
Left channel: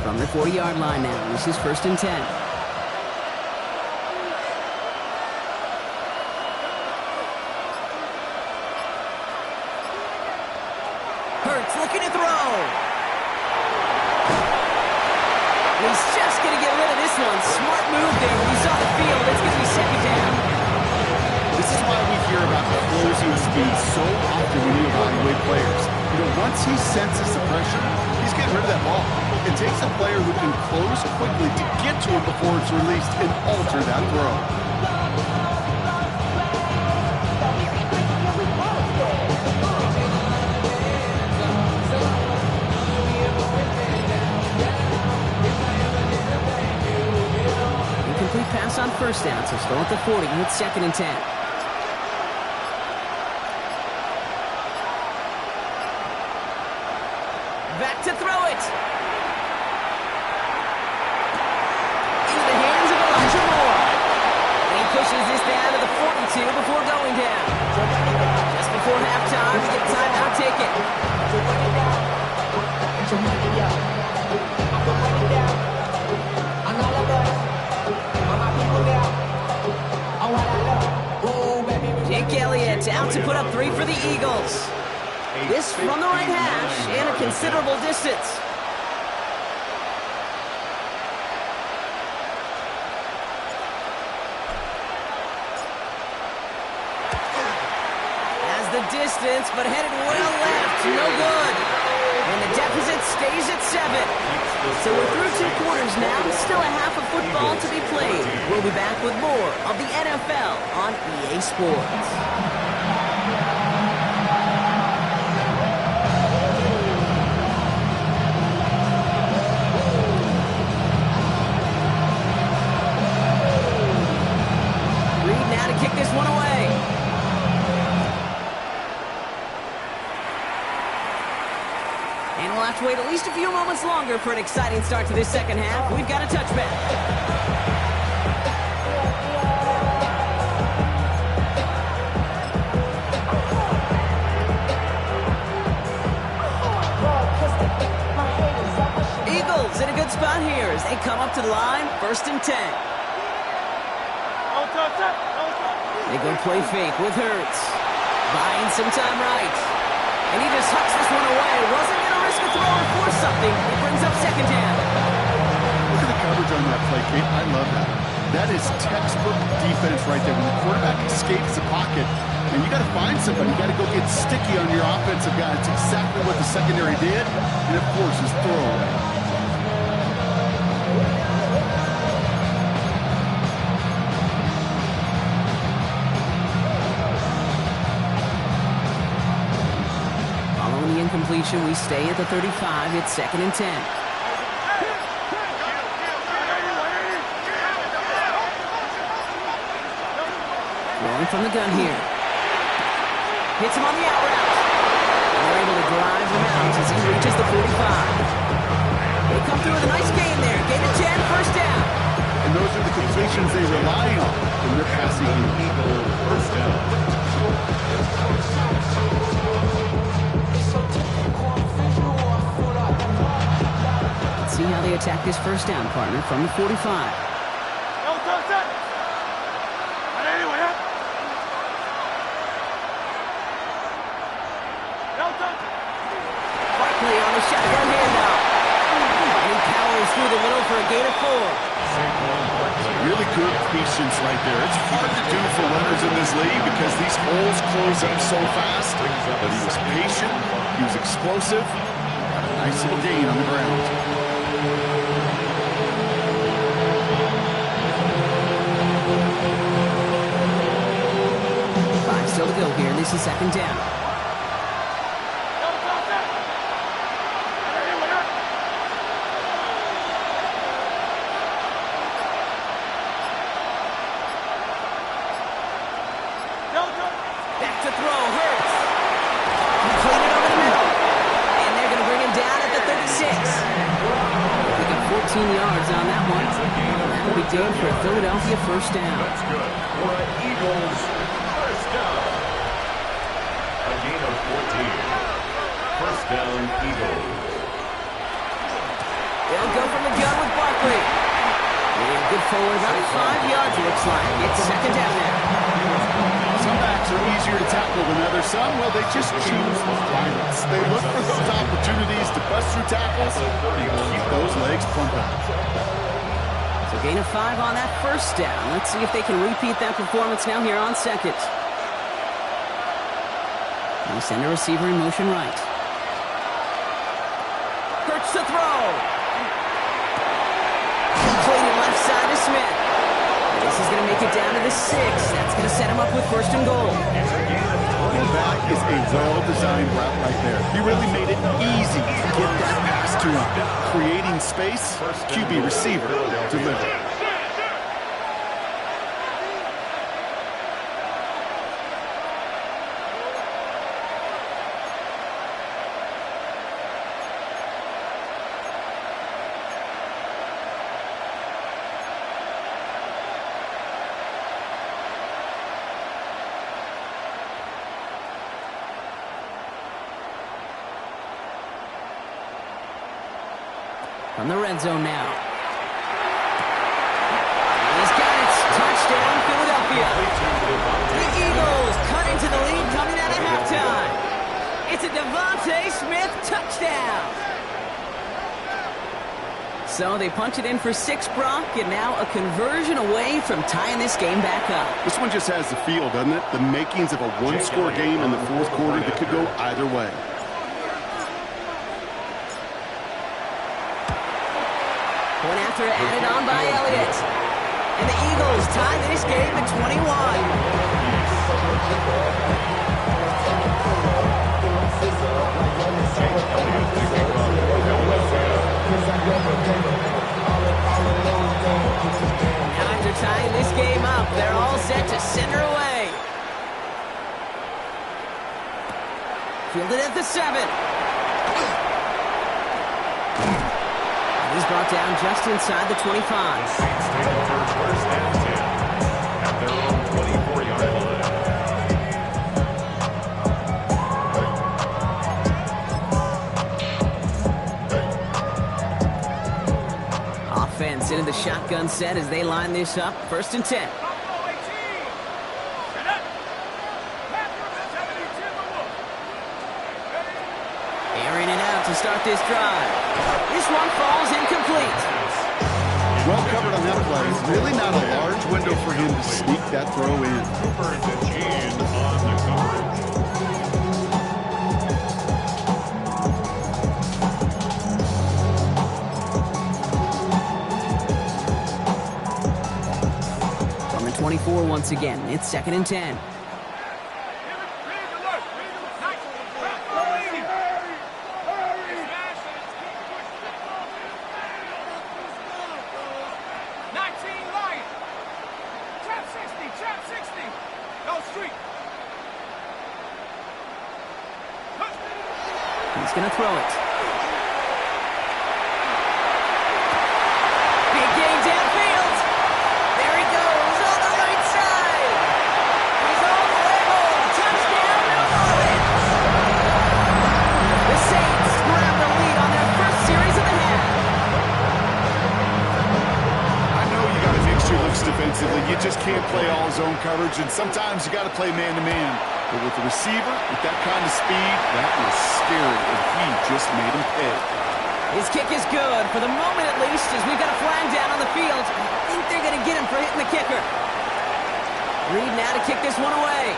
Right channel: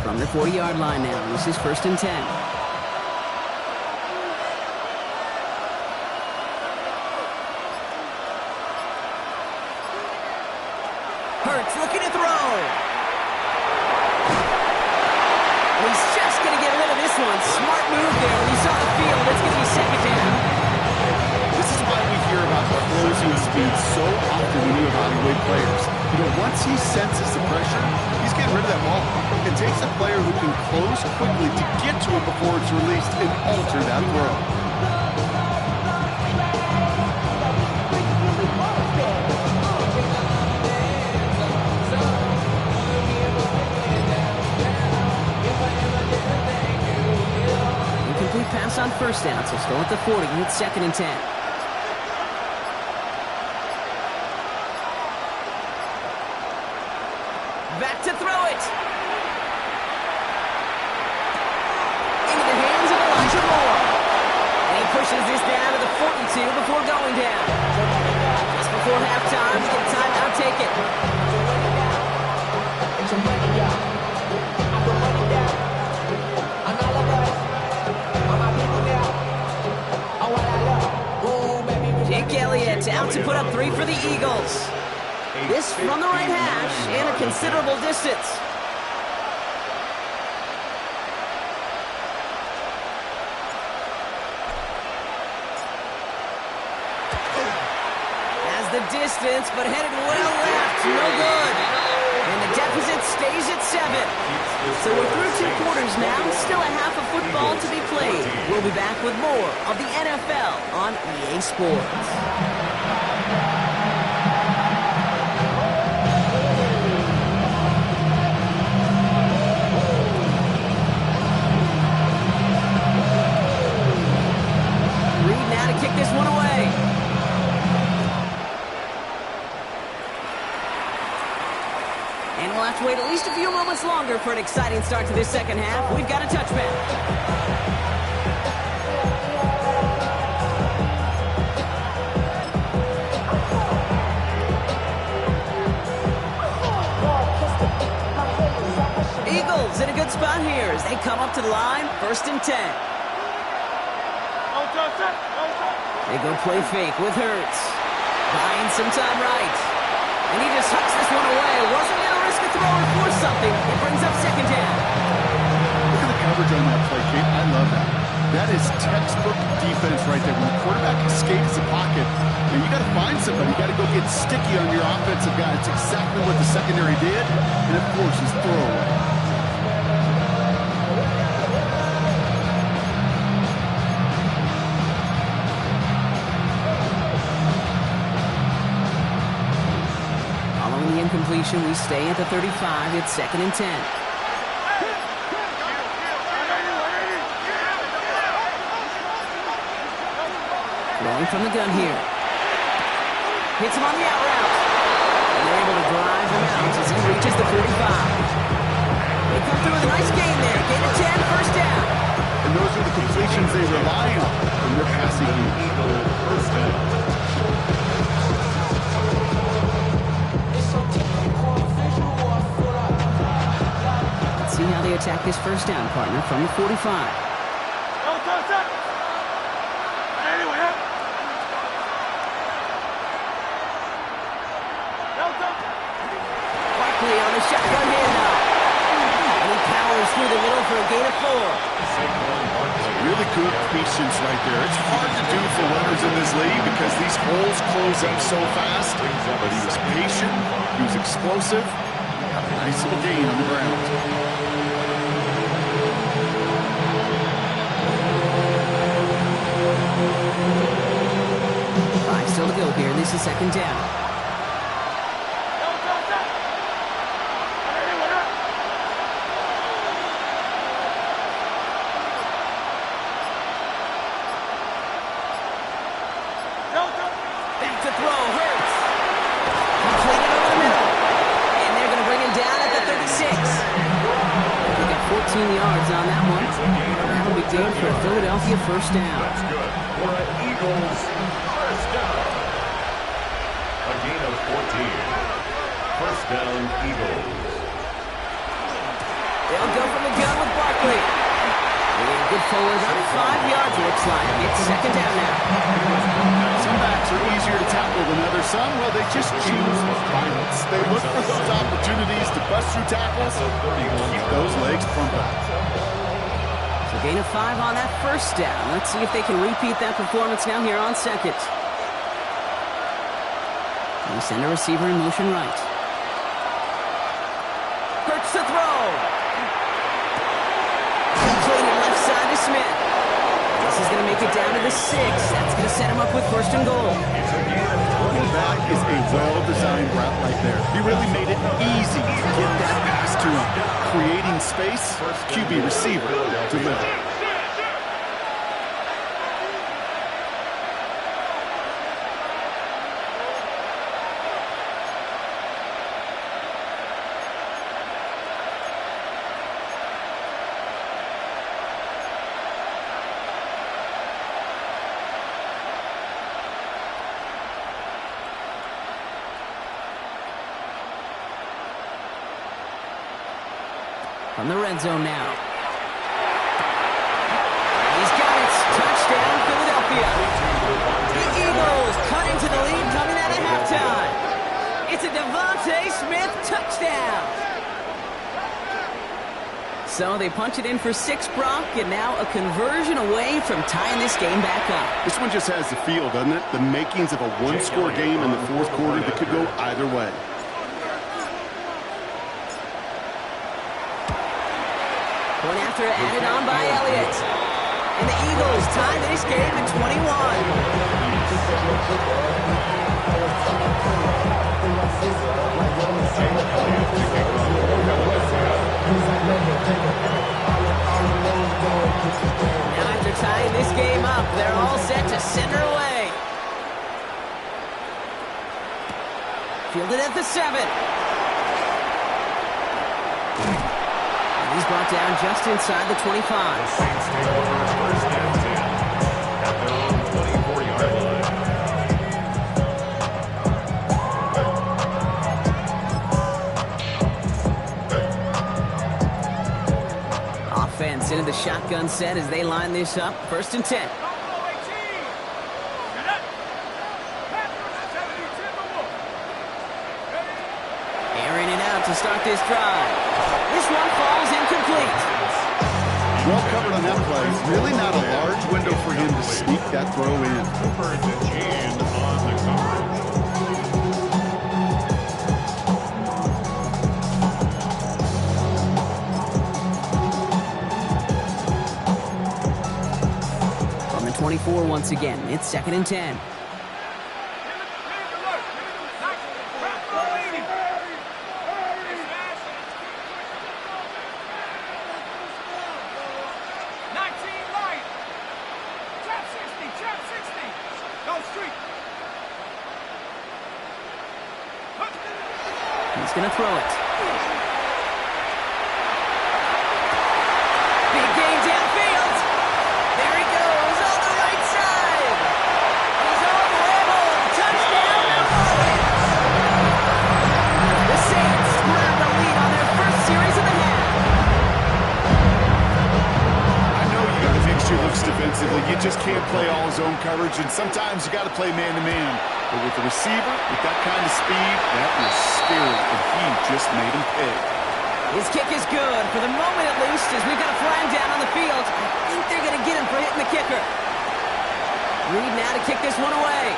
From the 40-yard line now, this is 1st and 10. Hurts looking to throw. He's just going to get rid of this one. Smart move there when he saw the field. It's going to be 2nd down. This is why we hear about the closing speed so often when you evaluate players. You know, once he senses the pressure, he's getting rid of that ball. It takes a player who can close quickly to get to him before it's released and alter that throw. Incomplete pass on 1st down, so still at the 40. It's 2nd and 10. Back to throw it. Into the hands of Elijah Moore. And he pushes this down to the 42 before going down. Just before halftime, we get a timeout taken. Jake Elliott out to put up 3 for the Eagles. This from the right hash and a considerable distance. Has the distance, but headed well left. No good. And the deficit stays at 7. So we're through 2 quarters now. Still a half of football to be played. We'll be back with more of the NFL on EA Sports. Reed now to kick this one away. And we'll have to wait at least a few moments longer for an exciting start to this 2nd half. We've got a touchback. Eagles in a good spot here as they come up to the line, 1st and 10. They go play fake with Hurts. Buying some time right. And he just hucks this one away. Wasn't going to risk a throw or force something. It brings up 2nd down. Look at the coverage on that play, Kate. I love that. That is textbook defense right there. When the quarterback escapes the pocket, and you got to find somebody. You got to go get sticky on your offensive guy. It's exactly what the secondary did, and of course, his throwaway. Following the incompletion, we stay at the 35. It's 2nd and 10. Throwing from the gun here. Hits him on the out route. And they're able to drive him out as he reaches the 45. They come through with a nice gain there. Gain of 10, first down. And those are the completions they rely on when they're passing in. Eagle first down. Let's see how they attack this first down, partner, from the 45. Barkley on the shotgun handoff. And he powers through the middle for a gain of 4. Really good patience right there. It's hard to do for runners in this league because these holes close up so fast. But he was patient, he was explosive, got a nice little gain on the ground. Five still to go here. This is 2nd down. Back to throw, Hurts. Completed over the middle. And they're going to bring him down at the 36. We got 14 yards on that one. That'll be good for a Philadelphia first down. That's good for an Eagles first down. A gain of 14. First down, Eagles. They'll go from the gun with Barkley. Good forward, about 5 yards, looks like. It's 2nd down now. Some backs are easier to tackle than others. Some, well, they just choose violence. They look for those opportunities to bust through tackles and keep those legs pumping. So gain of 5 on that first down. Let's see if they can repeat that performance now here on 2nd. They send a receiver in motion right. Hurts to throw. Completed left side to Smith. This is going to make it down to the 6. That's going to set him up with 1st and goal. That is a well-designed route right there. He really made it easy to get that pass to him. Creating space, QB receiver deliver. From the red zone now. He's got it. Touchdown, Philadelphia. The Eagles cut into the lead coming out of halftime. It's a Devontae Smith touchdown. So they punch it in for 6, Brock, and now a conversion away from tying this game back up. This one just has the feel, doesn't it? The makings of a one-score game in the 4th quarter that could go either way. Point after added on by Elliott. And the Eagles tie this game at 21. Now after tying this game up, they're all set to send her away. Fielded at the 7. He's brought down just inside the 25. The Saints take over 1st and 10 at their own 24-yard line. Offense into the shotgun set as they line this up. 1st and 10. Airing it out to start this drive. This one falls incomplete. Well covered on that play. Really not a large window for him to sneak that throw in. Cooper and DeGene on the coverage. From the 24 once again, it's 2nd and 10. He's going to throw it. Big game downfield. There he goes on the right side. He's all the way home. Touchdown, New Orleans. The Saints grab the lead on their first series of the half. I know you got to mix your looks defensively. You just can't play all zone coverage, and sometimes you got to play man-to-man. But with the receiver, with that kind of speed, that was scary, and he just made him pay. His kick is good, for the moment at least, as we've got a flag down on the field. I think they're going to get him for hitting the kicker. Reed now to kick this one away.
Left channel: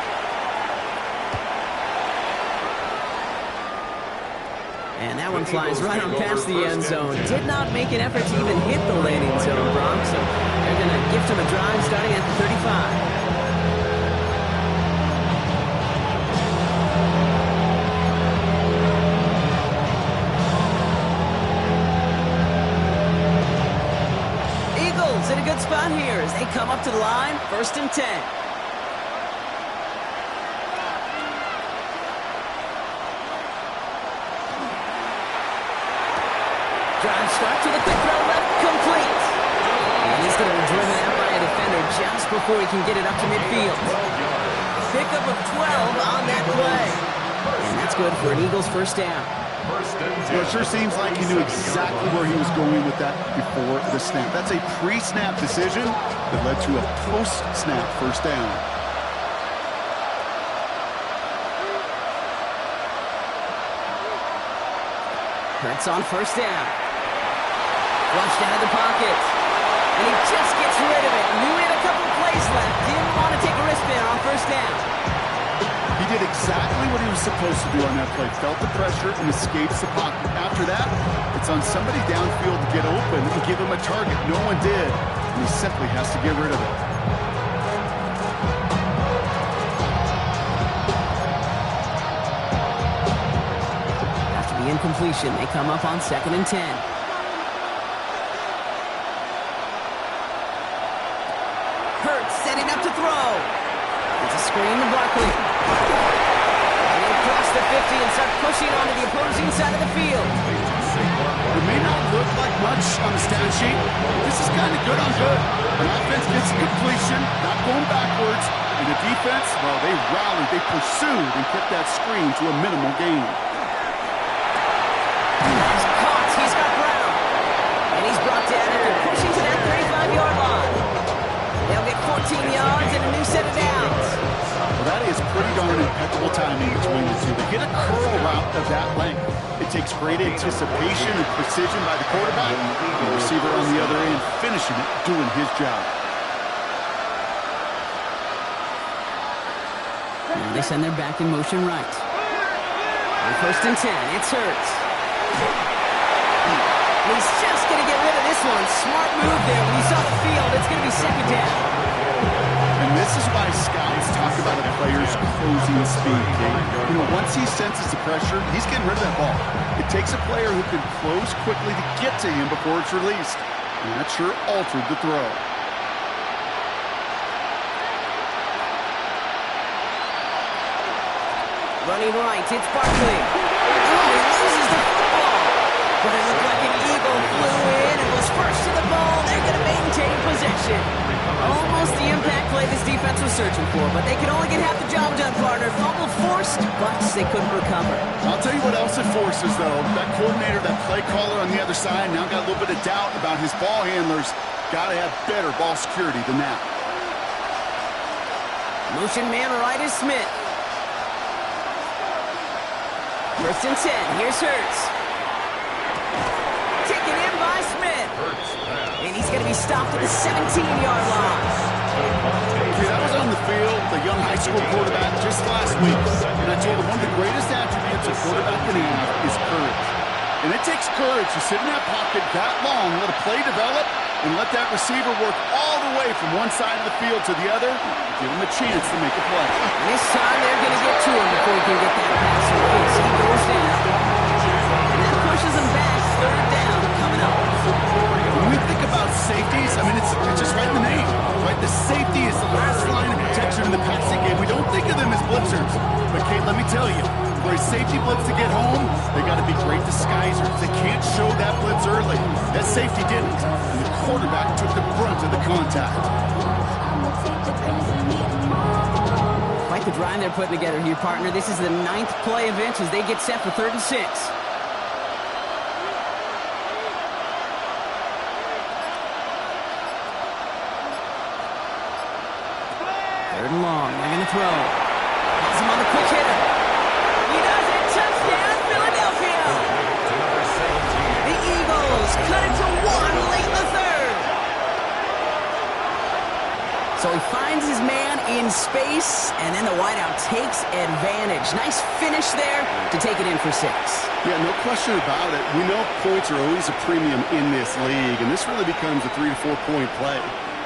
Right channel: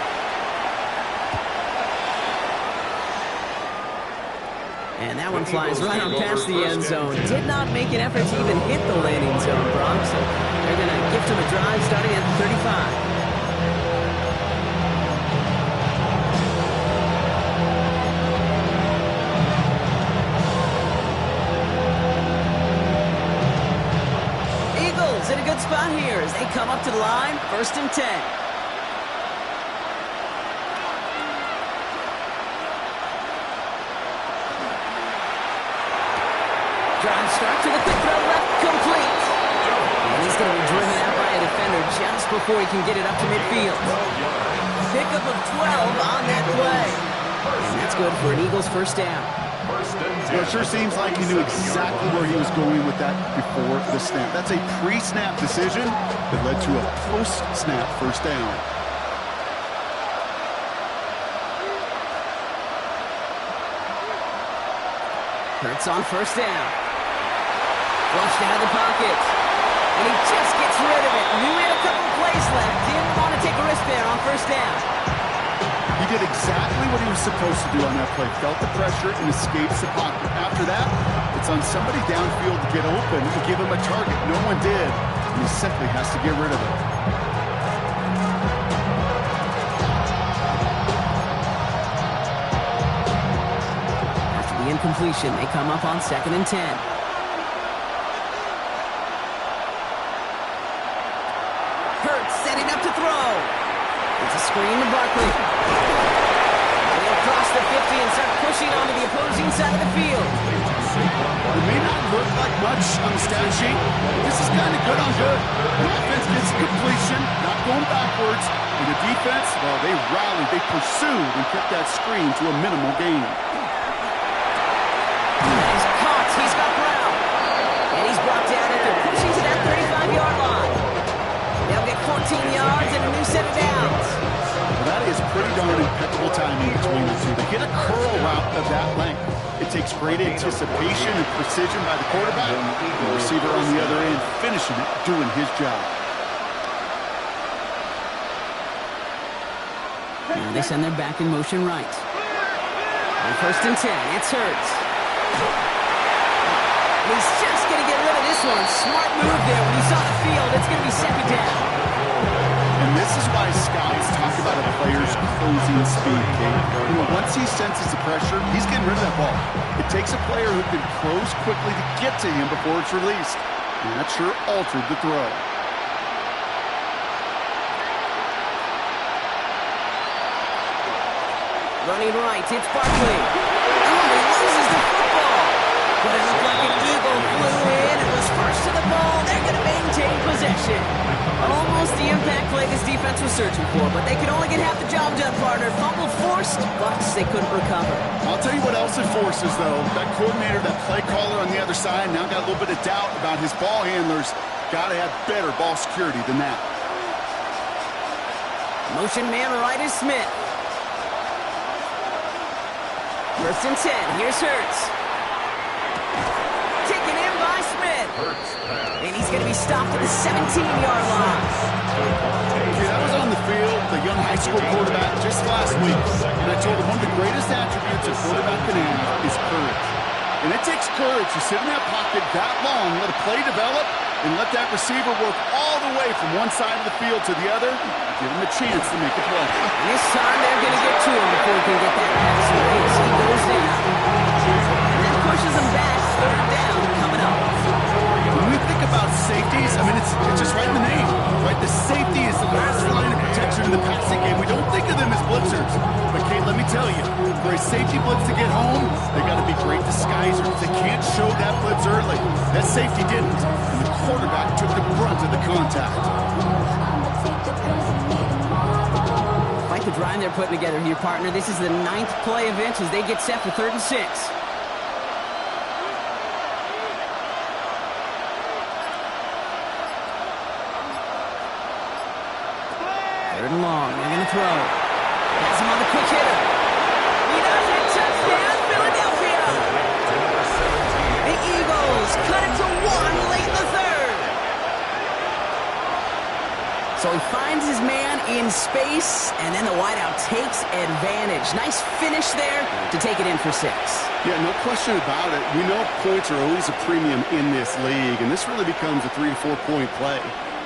And that one flies right on past the end zone. Did not make an effort to even hit the landing zone, Bronx, so they're going to gift him a drive starting at the 35. In a good spot here as they come up to the line, 1st and 10. Drive start to the quick throw left, complete. And he's going to be driven out by a defender just before he can get it up to midfield. Pickup of 12 on that play. And that's good for an Eagles first down. Well, it sure seems like he knew exactly where he was going with that before the snap. That's a pre-snap decision that led to a post-snap first down. Hurts on first down. Flushed out of the pocket. And he just gets rid of it. Knew he had a couple of plays left. Didn't want to take a risk there on first down. He did exactly what he was supposed to do on that play. Felt the pressure and escapes the pocket. After that, it's on somebody downfield to get open and give him a target. No one did, and he simply has to get rid of it. After the incompletion, they come up on 2nd and 10. Hurts setting up to throw. It's a screen to Barkley. And he'll cross the 50 and start pushing onto the opposing side of the field. It may not look like much on the stat sheet, but this is kind of good on good. The offense gets completion, not going backwards, and the defense, well, they rallied, they pursued, and kept that screen to a minimal gain. He's caught. He's got Brown. And he's brought down after pushing to that 35-yard line. They'll get 14 yards and a new set of downs. Well, that is pretty darn impeccable timing between the two. They hit a curl route of that length. It takes great anticipation and precision by the quarterback. The receiver on the other end finishing it, doing his job. Now they send their back in motion right. On 1st and 10, it's Hurts. He's just going to get rid of this one. Smart move there. When he saw the field, it's going to be 2nd down. And this is why scouts talk about a player's closing speed, Kate. You know, once he senses the pressure, he's getting rid of that ball. It takes a player who can close quickly to get to him before it's released. And that sure altered the throw. Running right, it's Barkley. Oh, he loses the football. But it looked like an eagle flew in and was first to the ball. They're going to maintain possession. Almost the impact play this defense was searching for, but they could only get half the job done, partner. Fumble forced, but they couldn't recover. I'll tell you what else it forces, though. That coordinator, that play caller on the other side, now got a little bit of doubt about his ball handlers. Got to have better ball security than that. Motion man right is Smith. 1st and 10, here's Hurts. Taken in by Smith. Hurts pass. And he's going to be stopped at the 17-yard line. Okay, that was on the field, the young high school quarterback just last week. And I told him one of the greatest attributes a quarterback can have is courage. And it takes courage to sit in that pocket that long, let a play develop, and let that receiver work all the way from one side of the field to the other, and give him a chance to make a play. And this time they're going to get to him before he can get that pass away as he goes down. And that pushes him back. Third down coming up. When we think about safeties, I mean, it's just right in the name, right? The safety is the last line of protection in the passing game. We don't think of them as blitzers. But, Kate, let me tell you, for a safety blitz to get home, they got to be great disguisers. They can't show that blitz early. That safety didn't, and the quarterback took the brunt of the contact. Quite the drive they're putting together here, partner. This is the 9th play of inch as they get set for 3rd and 6. Third and long. They're going to throw. Has him on the quick hitter. He does it. Touchdown, Philadelphia. The Eagles cut it to 1 late in the 3rd. So he finds his man in space, and then the wideout takes advantage. Nice finish there to take it in for 6. Yeah, no question about it. We know points are always a premium in this league, and this really becomes a 3 to 4 point play.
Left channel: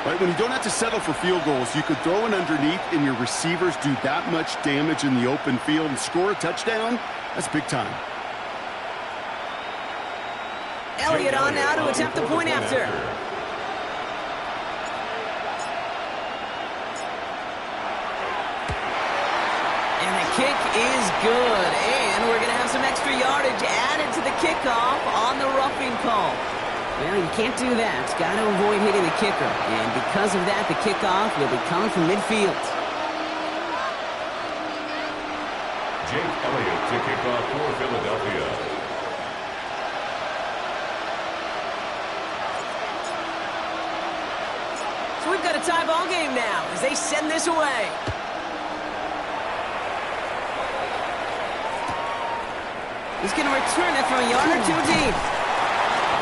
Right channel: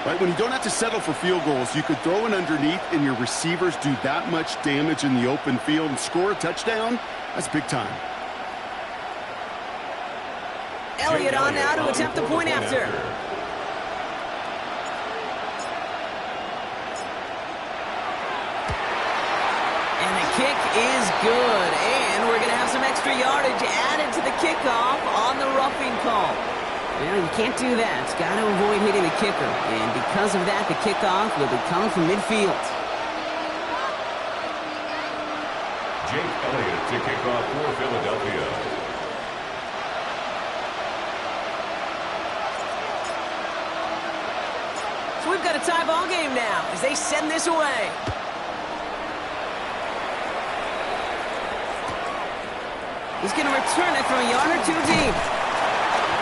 Right, when you don't have to settle for field goals, you could throw it underneath and your receivers do that much damage in the open field and score a touchdown. That's big time. Elliott on now to attempt the point after. And the kick is good. And we're going to have some extra yardage added to the kickoff on the roughing call. Well, you can't do that. Got to avoid hitting the kicker. And because of that, the kickoff will be coming from midfield. Jake Elliott to kick off for Philadelphia. So we've got a tie ball game now as they send this away. He's going to return it from a yard or 2 deep.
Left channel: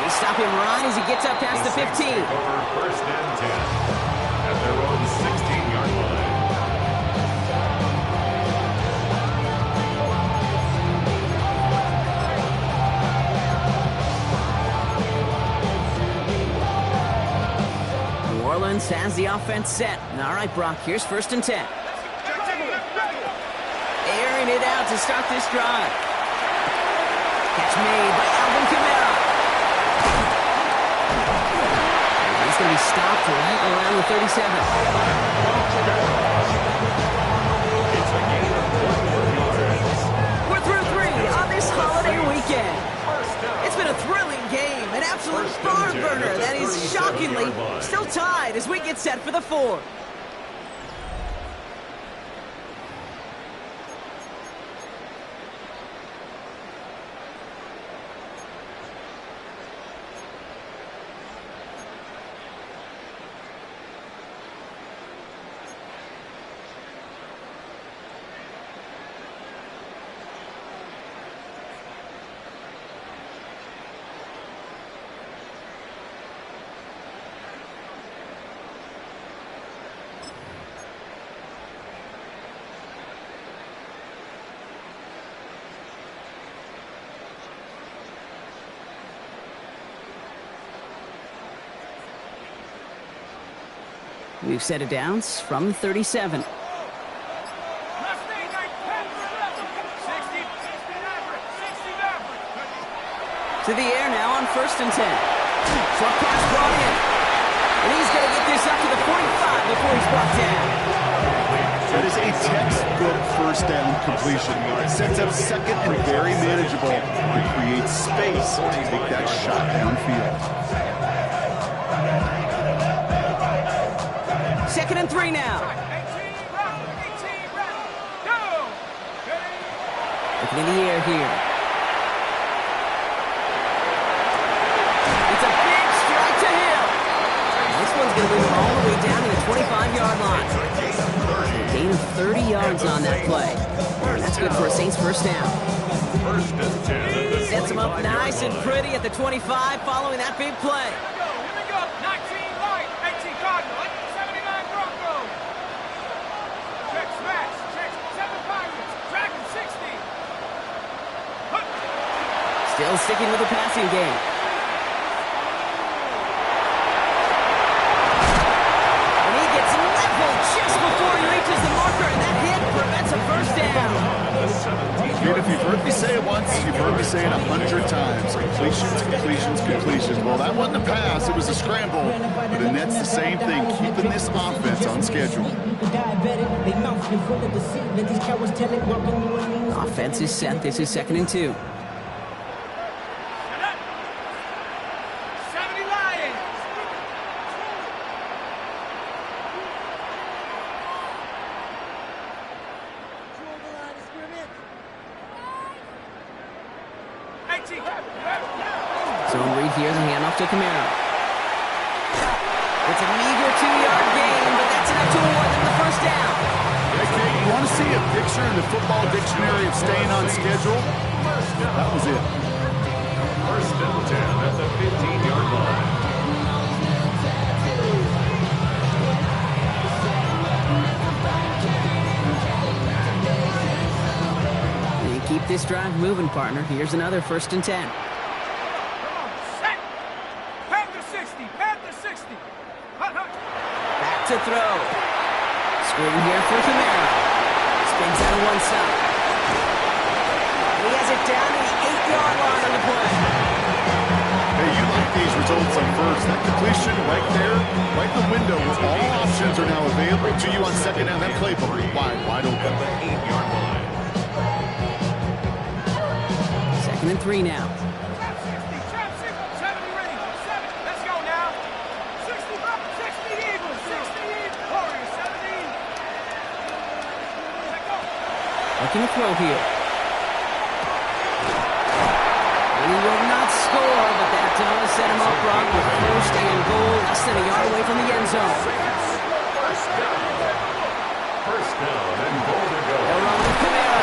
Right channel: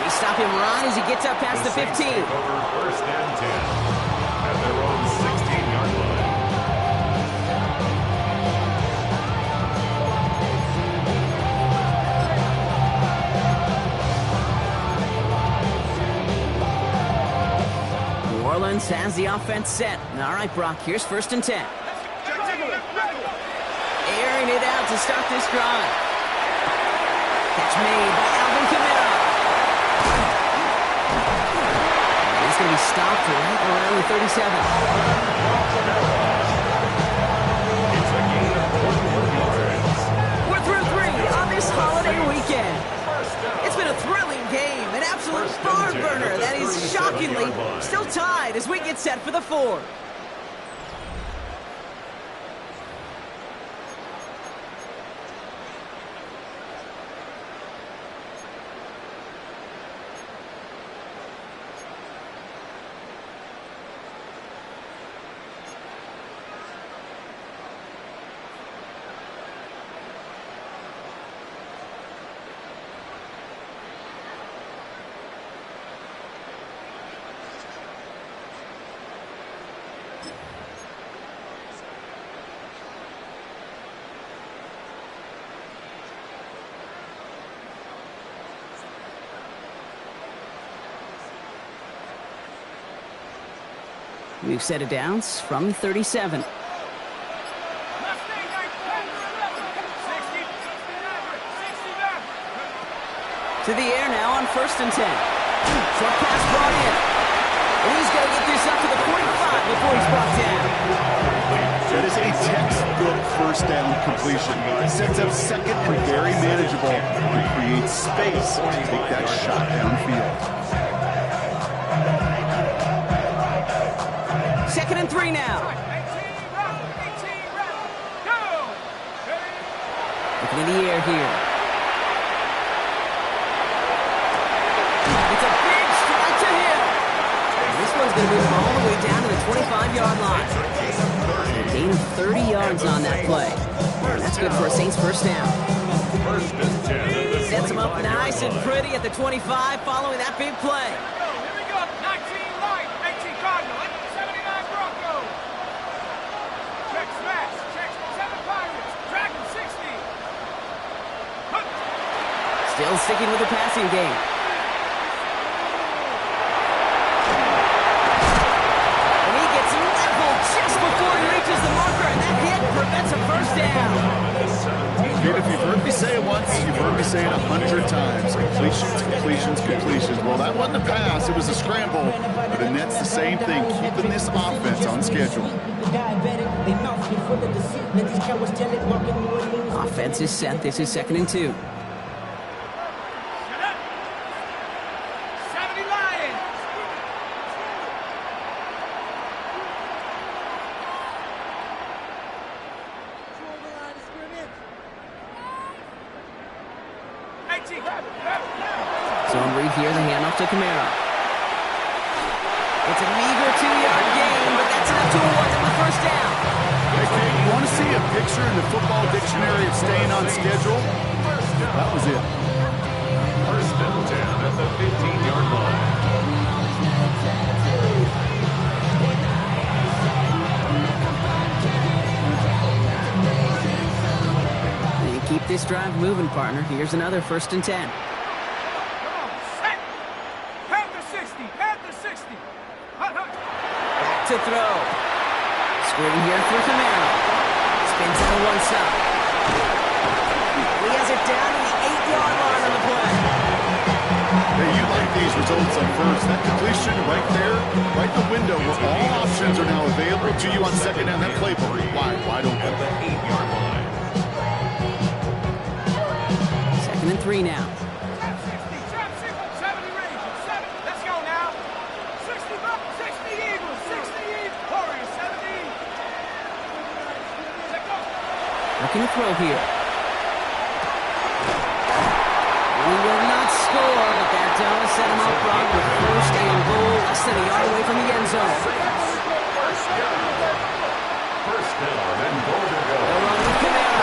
We stop him right as he gets up past the 15. Take over 1st and 10 at their own 16-yard line. New Orleans has the offense set. All right, Brock, here's 1st and 10. Airing it out to start this drive. Catch made by Alvin Kamara. He's going to be stopped right around the 37. It's a gain of 41 yards. We're through 3 on this holiday weekend. It's been a thrilling game, an absolute barn burner that is shockingly still tied as we get set for the 4th. We've set it down from 37. To the air now on 1st and 10. Short pass brought in. And he's going to get this up to the 45 before he's brought down. That is a textbook 1st down completion. It sets up 2nd and very manageable and creates space to take that shot downfield. 2nd and 3 now. Looking in the air here. It's a big strike to Hill. And this one's going to move him all the way down to the 25-yard line. Gain of 30 yards on that play. And that's good for a Saints 1st down. Sets him up nice and pretty at the 25 following that big play. Still sticking with the passing game. And he gets leveled just before he reaches the marker, and that hit prevents a first down. Dude, if you've heard me say it once, you've heard me say it 100 times. Completions, completions, completions. Well, that wasn't a pass. It was a scramble. But the net's the same thing, keeping this offense on schedule. Offense is set. This is 2nd and 2. Zone read here, the handoff to Camaro. It's a meager 2-yard gain, but that's enough to award them the first down. Hey, Kate, you want to see a picture in the football dictionary of staying on schedule? That was it. 1st and 10 at the 15-yard line. They keep this drive moving, partner. Here's another 1st and 10. Back to throw. Screen here for Camaro. Spins out of one side. And he has it down to the 8-yard line on the play. Hey, you like these results on first. That completion right there, right in the window where all options are now available to you on 2nd down. That playbook wide open. At the 8-yard line. 2nd and 3 now. Looking to throw here. He will not score, but that does set him up wrong with 1st and goal, less than a yard away from the end zone. First down and goal to go. They'll run with Camara.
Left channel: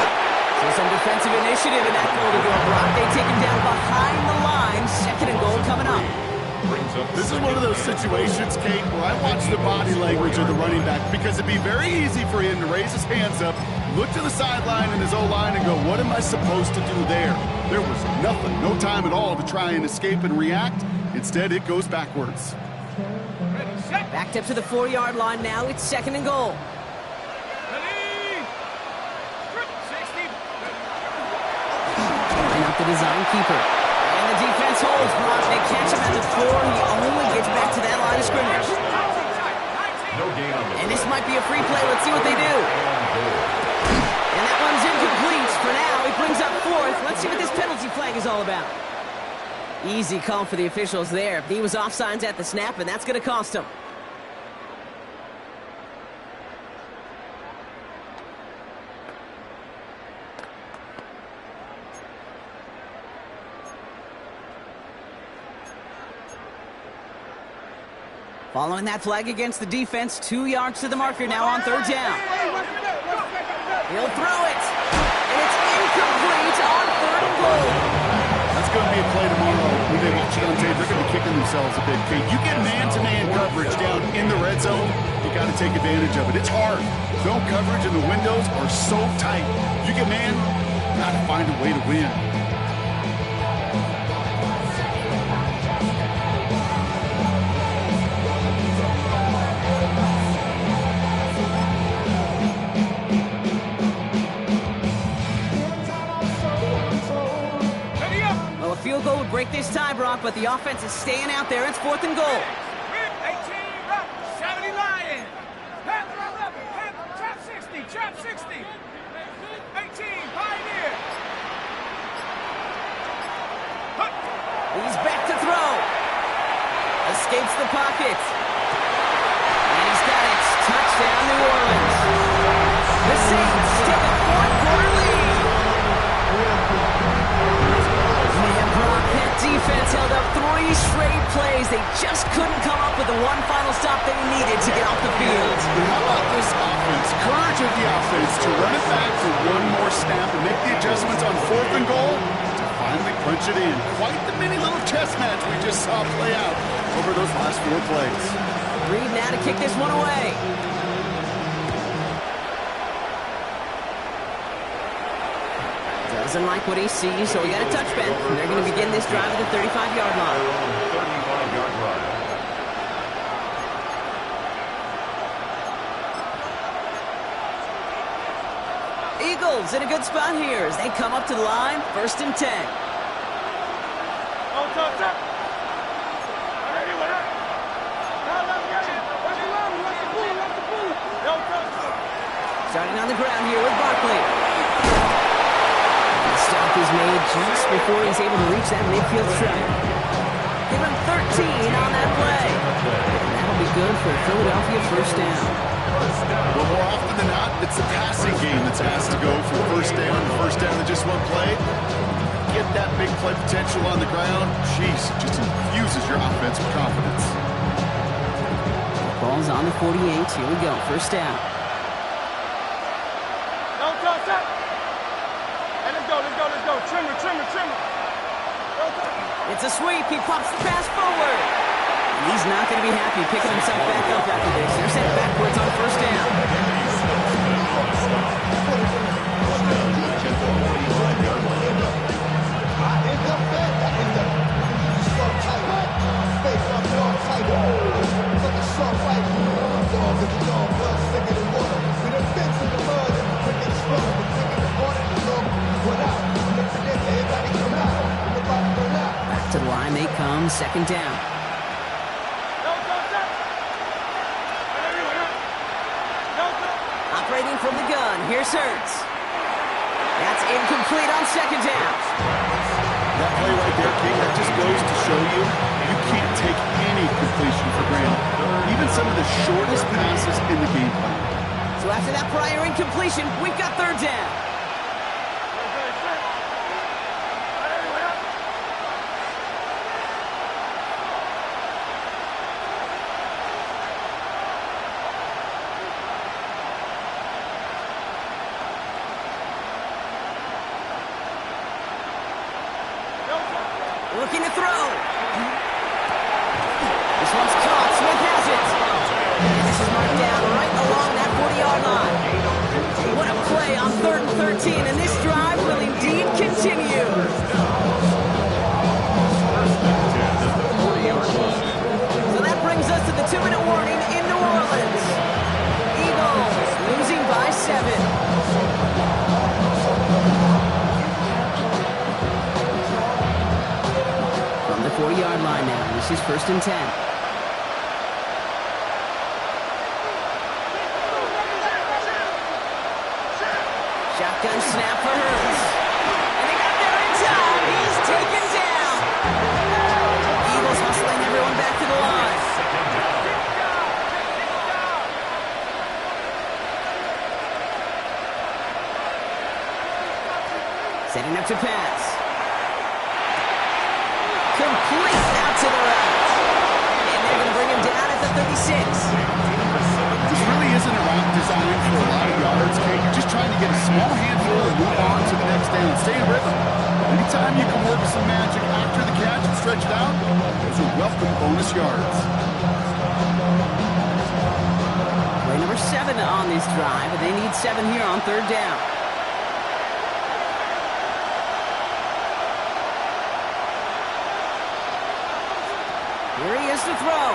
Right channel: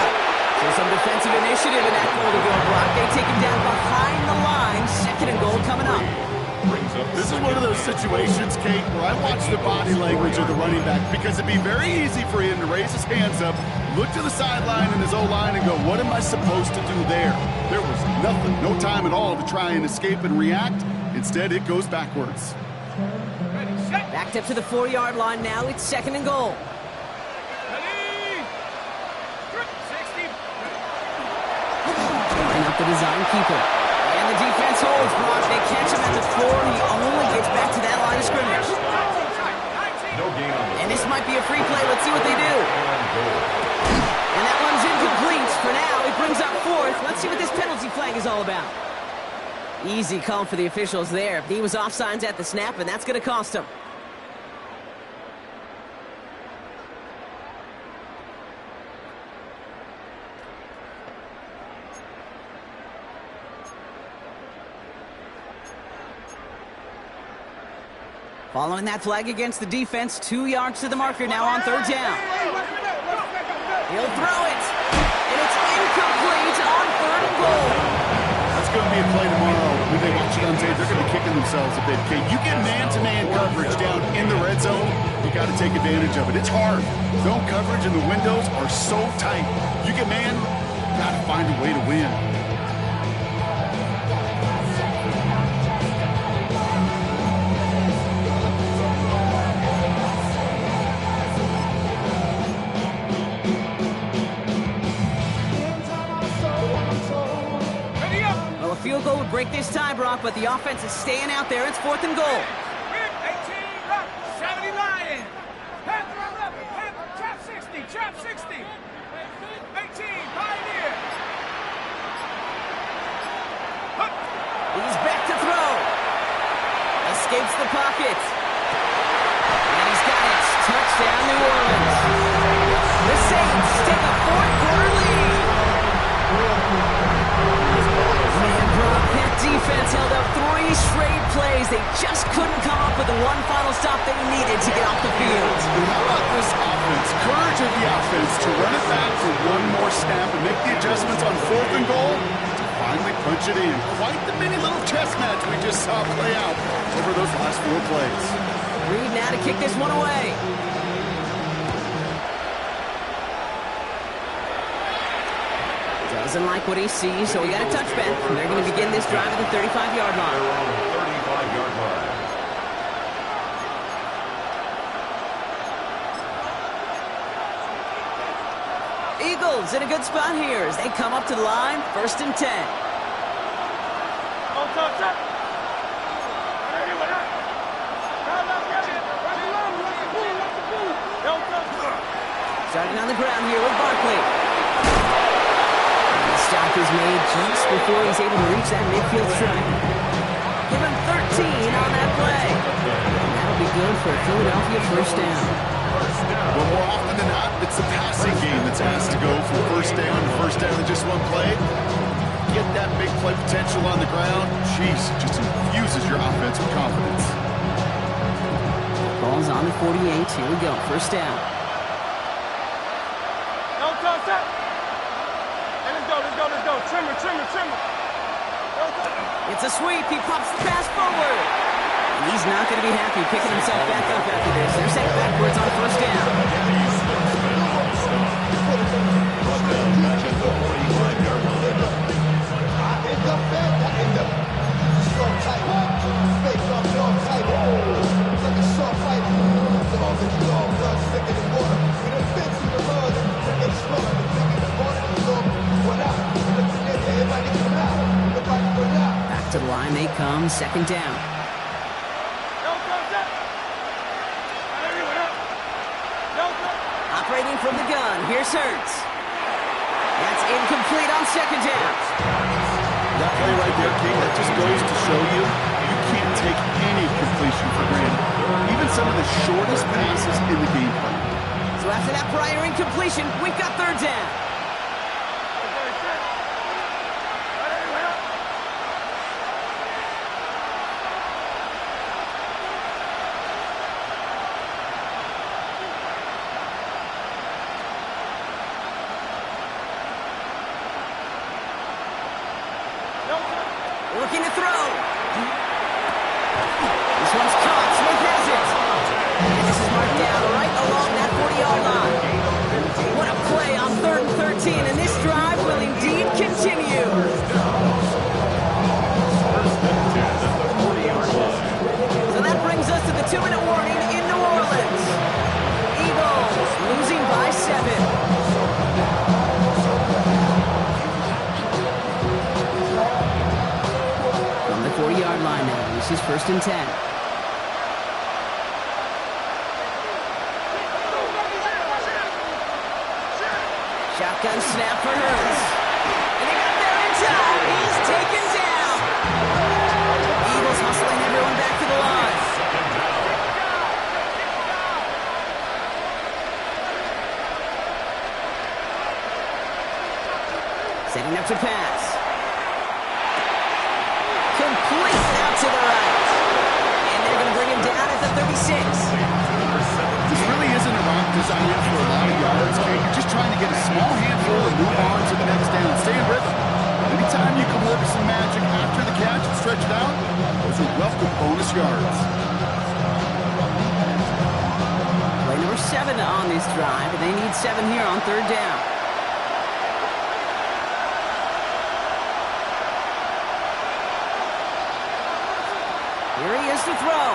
So some defensive initiative in that goal to go, Brock. They take him down behind the line. 2nd and goal coming up. This is one of those situations, Kate, where I watch the body language of the running back because it'd be very easy for him to raise his hands up, look to the sideline and his O-line and go, what am I supposed to do there? There was nothing, no time at all to try and escape and react. Instead, it goes backwards. Backed up to the 4-yard line now. It's 2nd and goal. Line up the design keeper. And the defense holds, Brock. They catch him at the 4. He only gets back to that line of scrimmage. No gain on the And this might be a free play. Let's see what they do. And that one's incomplete for now. He brings up 4th. Let's see what this penalty flag is all about. Easy call for the officials there. He was offsides at the snap, and that's going to cost him. Following that flag against the defense, 2 yards to the marker now on 3rd down. He'll throw it, and it's incomplete on 3rd and goal. That's going to be a play tomorrow. When they watch it on tape, they're going to be kicking themselves a bit. Kate, you get man-to-man coverage down in the red zone, you got to take advantage of it. It's hard. Zone coverage and the windows are so tight. You get man, you got to find a way to win. Well, a field goal would break this tie, Brock, but the offense is staying out there. It's 4th and goal. 18, 70 Lion. Panther 11, Panther, trap 60, trap 60. 18, Pioneer. He's back to throw. Escapes the pocket. And he's got it. Touchdown, New Orleans. The Saints take a 4th-quarter lead. Man, Brock, that defense held up 3 straight plays. They just couldn't come up with the one final stop they needed to get off the field. How about this offense? Courage of the offense to run it back for one more snap and make the adjustments on 4th and goal to finally punch it in. Quite the mini little chess match we just saw play out over those last 4 plays. Reed now to kick this one away. Doesn't like what he sees, so he got a touchback. They're going to begin this drive at the 35-yard line. 35-yard line. Eagles in a good spot here as they come up to the line, 1st and 10. Starting on the ground here with Barkley. The stop is made just before he's able to reach that midfield strike. Give him 13 on that play. And that'll be good for a Philadelphia 1st down. Well, more often than not, it's the passing game that's asked to go from 1st down to 1st down in just one play. Get that big play potential on the ground. Jeez, it just infuses your offense with confidence. Ball's on the 48. Here we go. 1st down. Hey, let's go. Trimmer. It's a sweep. He pops the pass forward. And he's not going to be happy picking himself back up after this. They're sent backwards on 1st down. Brought down back at the 45-yard line. Back to the line they come, 2nd down. Operating from the gun, here's Hurts. That's incomplete on 2nd down. That play right there, King, that just goes to show you can't take any completion for granted. Even some of the shortest passes in the game plan. So after that prior incompletion, we've got 3rd down. Looking to throw. This one's caught. Smith has it. And this is marked down right along that 40-yard line. What a play on 3rd and 13, and this drive will indeed continue. So that brings us to the 2-minute warning in New Orleans. Eagles losing by 7. From the 40-yard line now, this is 1st and 10. Shotgun snap for Hurts. And they got there in time. He's taken down. Eagles hustling everyone back to the line. Setting up to pass. Complete out to the right. And they're going to bring him down at the 36. This really isn't a route designed for a lot of yards, Kate. You're just trying to get a small handful and move on to the next down. Stay in rhythm. Anytime you can work some magic after the catch and stretch it out, those are welcome bonus yards. Play number 7 on this drive, and they need 7 here on 3rd down. Here he is to throw.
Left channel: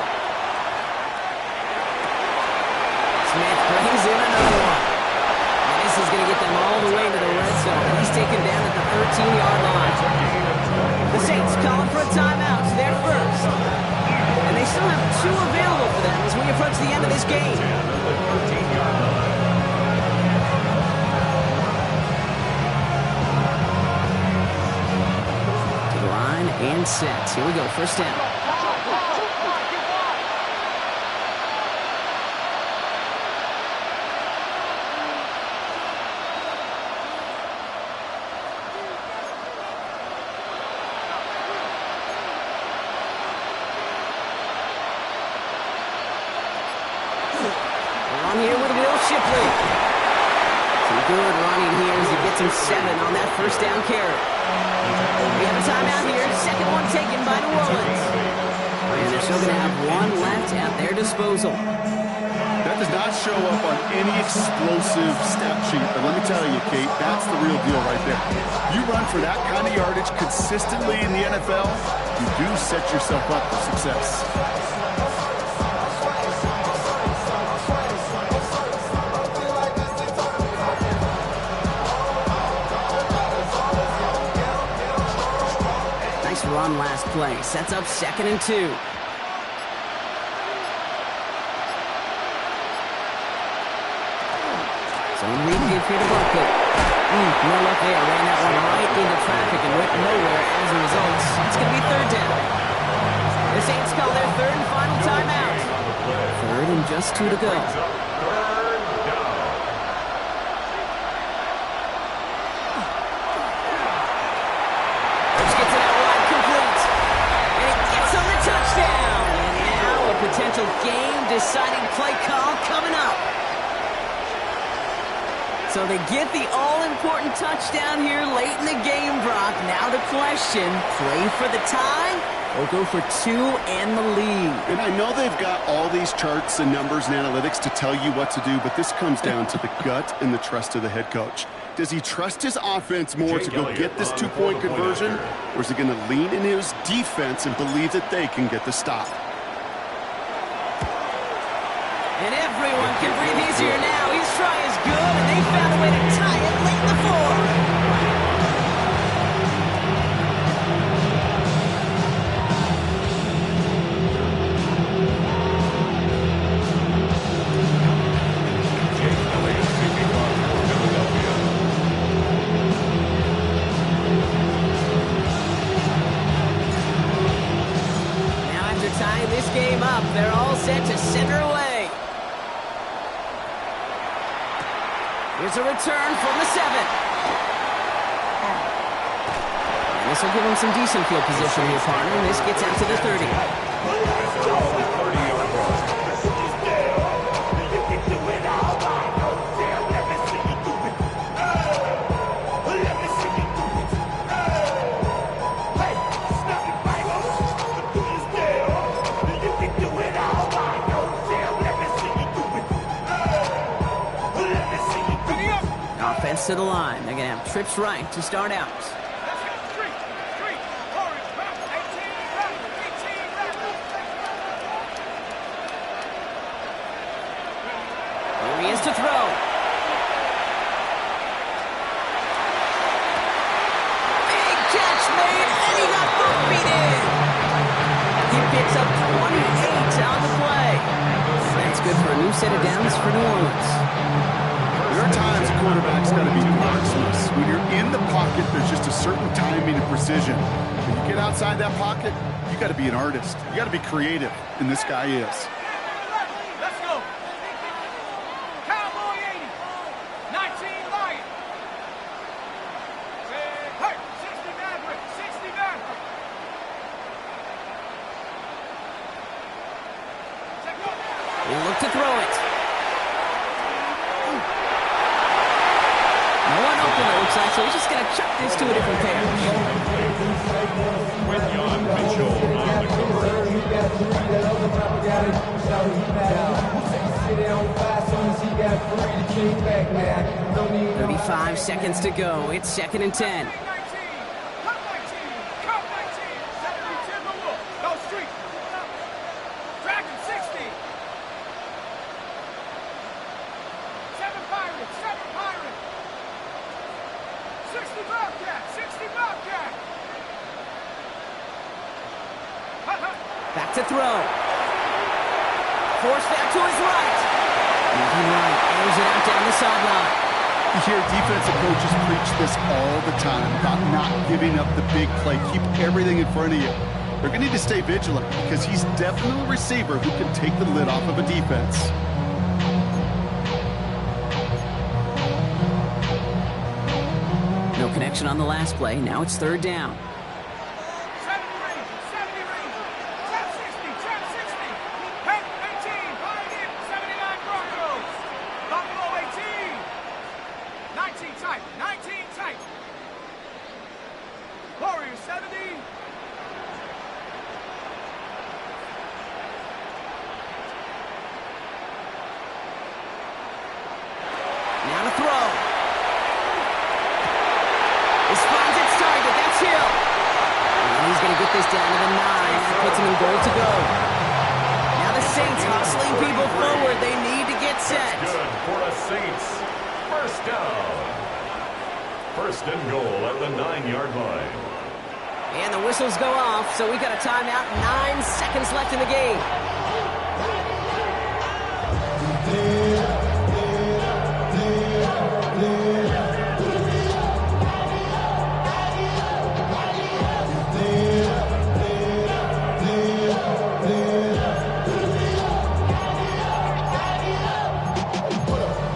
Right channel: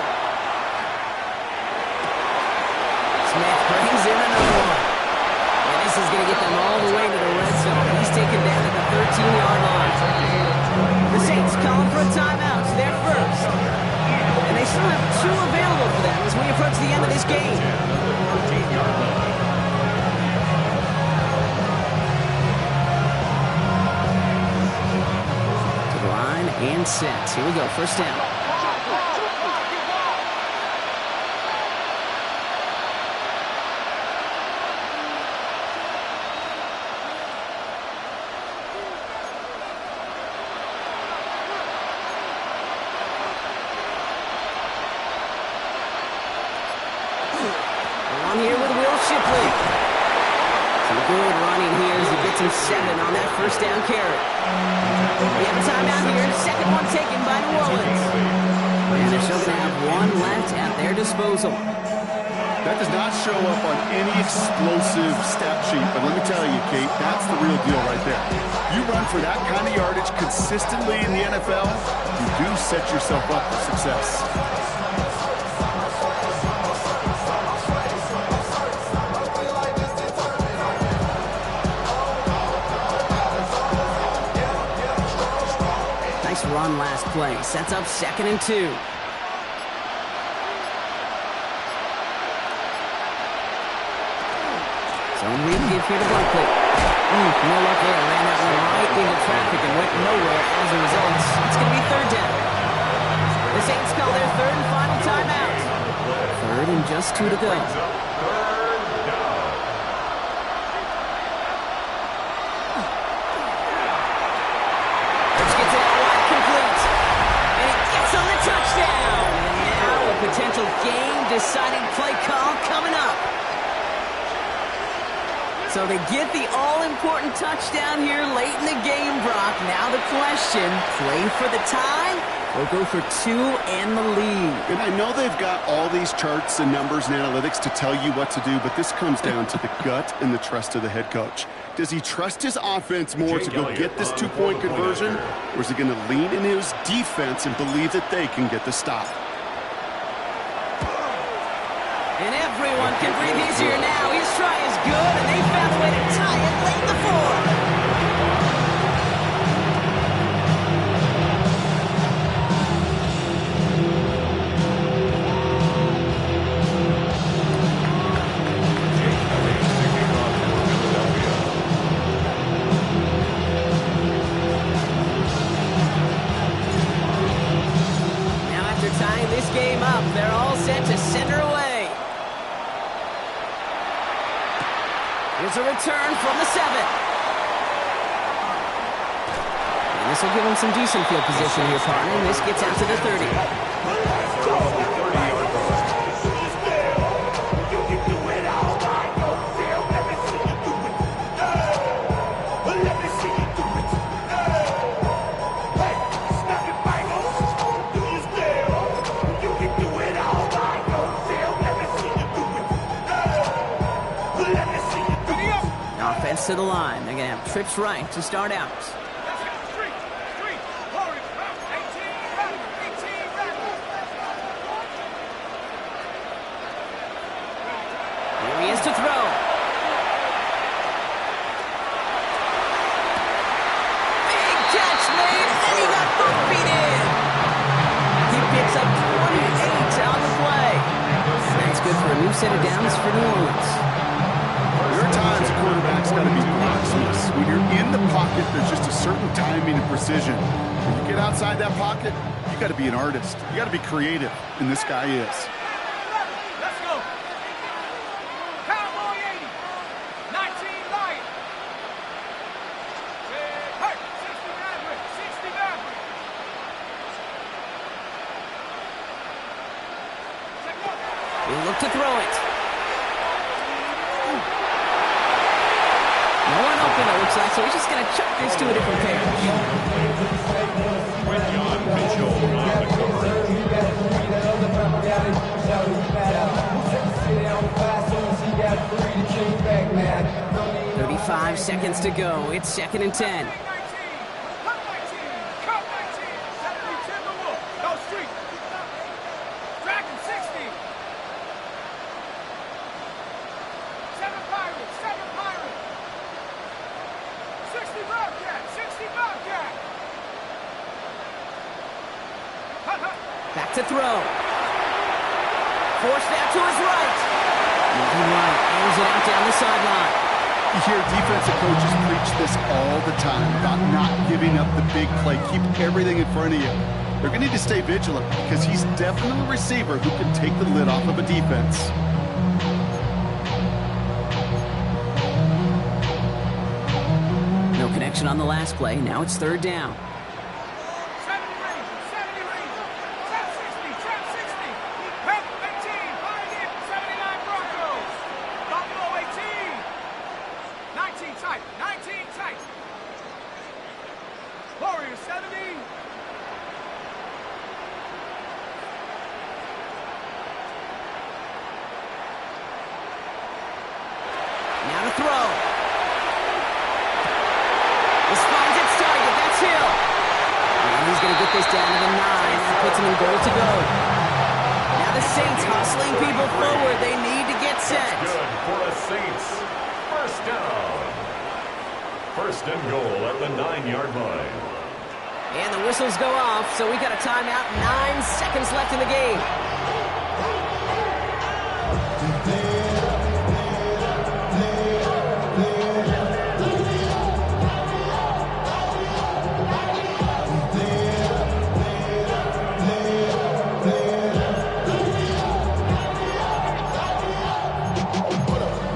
Smith brings in another one. And this is going to get them all the way to the red zone. He's taken down at the 13-yard line. The Saints calling for a timeout. They're first. And they still have 2 available for them as we approach the end of this game. To the line and set. Here we go. 1st down. On here with Will Shipley. Some good running here as he gets him 7 on that 1st down carry. We have a timeout here. 2nd one taken by New Orleans. And they're still going to have one left at their disposal. That does not show up on any explosive stat sheet, but let me tell you, Kate, that's the real deal right there. You run for that kind of yardage consistently in the NFL, you do set yourself up for success. Nice run last play. Sets up 2nd and 2. Zone read give here to Barkley. No luck there. Ran that one right into traffic and went nowhere as a result. It's going to be 3rd down. The Saints call their 3rd and final timeout. 3rd and just 2 to go. Let's get to that wide complete. And it gets on the touchdown. And now a potential game-deciding play call coming up. So they get the all-important touchdown here late in the game, Brock. Now the question, play for the tie or go for 2 and the lead? And I know they've got all these charts and numbers and analytics to tell you what to do, but this comes down to the gut and the trust of the head coach. Does he trust his offense more to go get this 2-point conversion, or is he going to lean into his defense and believe that they can get the stop? And everyone can breathe easier now. His try is good, and they found a way to tie it late in the 4th. Now after tying this game up, they're all set to center away. Here's a return from the 7. And this will give him some decent field position here, partner. And this gets out to the 30. Offense to the line. They're going to have trips right to start out. Here he is to throw. Big catch made, and he got both feet in. He picks up 28 on the play. And that's good for a new set of downs for New Orleans. There are times a quarterback's got to be marksmanless. When you're in the pocket, there's just a certain timing and precision. When you get outside that pocket, you got to be an artist. You got to be creative, and this guy is. Let's go. Cowboy 80. 19 Lion. Hey, 60 Maverick. 60 Maverick. He'll look to throw it. No one open, it looks like, so he's just going to chuck this to a different pair. Quinyon Mitchell on the coverage. 35 seconds to go. It's 2nd and 10. Back to throw. Forced out to his right. Moving right, airs it out down the sideline. You hear defensive coaches preach this all the time about not giving up the big play. Keep everything in front of you. They're going to need to stay vigilant because he's definitely a receiver who can take the lid off of a defense. No connection on the last play. Now it's 3rd down. Now to throw. This finds its target. That's Hill. And he's going to get this down to the 9. That puts him in goal to go. Now the Saints hustling people forward. They need to get set. Good for the Saints. First down. First and goal at the 9-yard line. And the whistles go off, so we got a timeout. 9 seconds left in the game.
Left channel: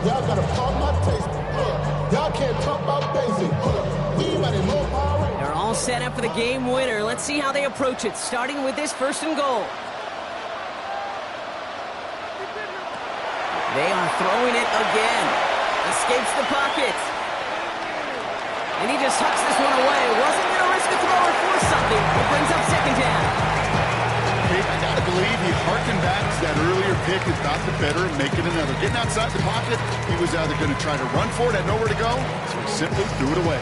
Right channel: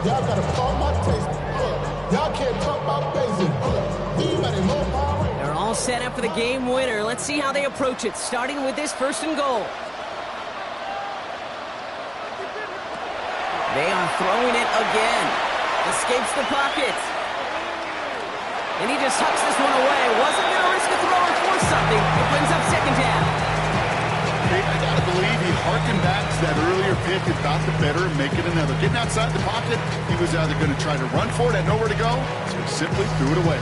Y'all gotta pump my taste. Y'all can't talk about basic. We money more power. They're all set up for the game winner. Let's see how they approach it, starting with this first and goal. They are throwing it again. Escapes the pocket. And he just hucks this one away. Wasn't going to risk a throw or force something. It brings up second down. Hey, I got to believe he harkened back to that earlier pick and thought the better of making another. Getting outside the pocket, he was either going to try to run for it, had nowhere to go, so he simply threw it away.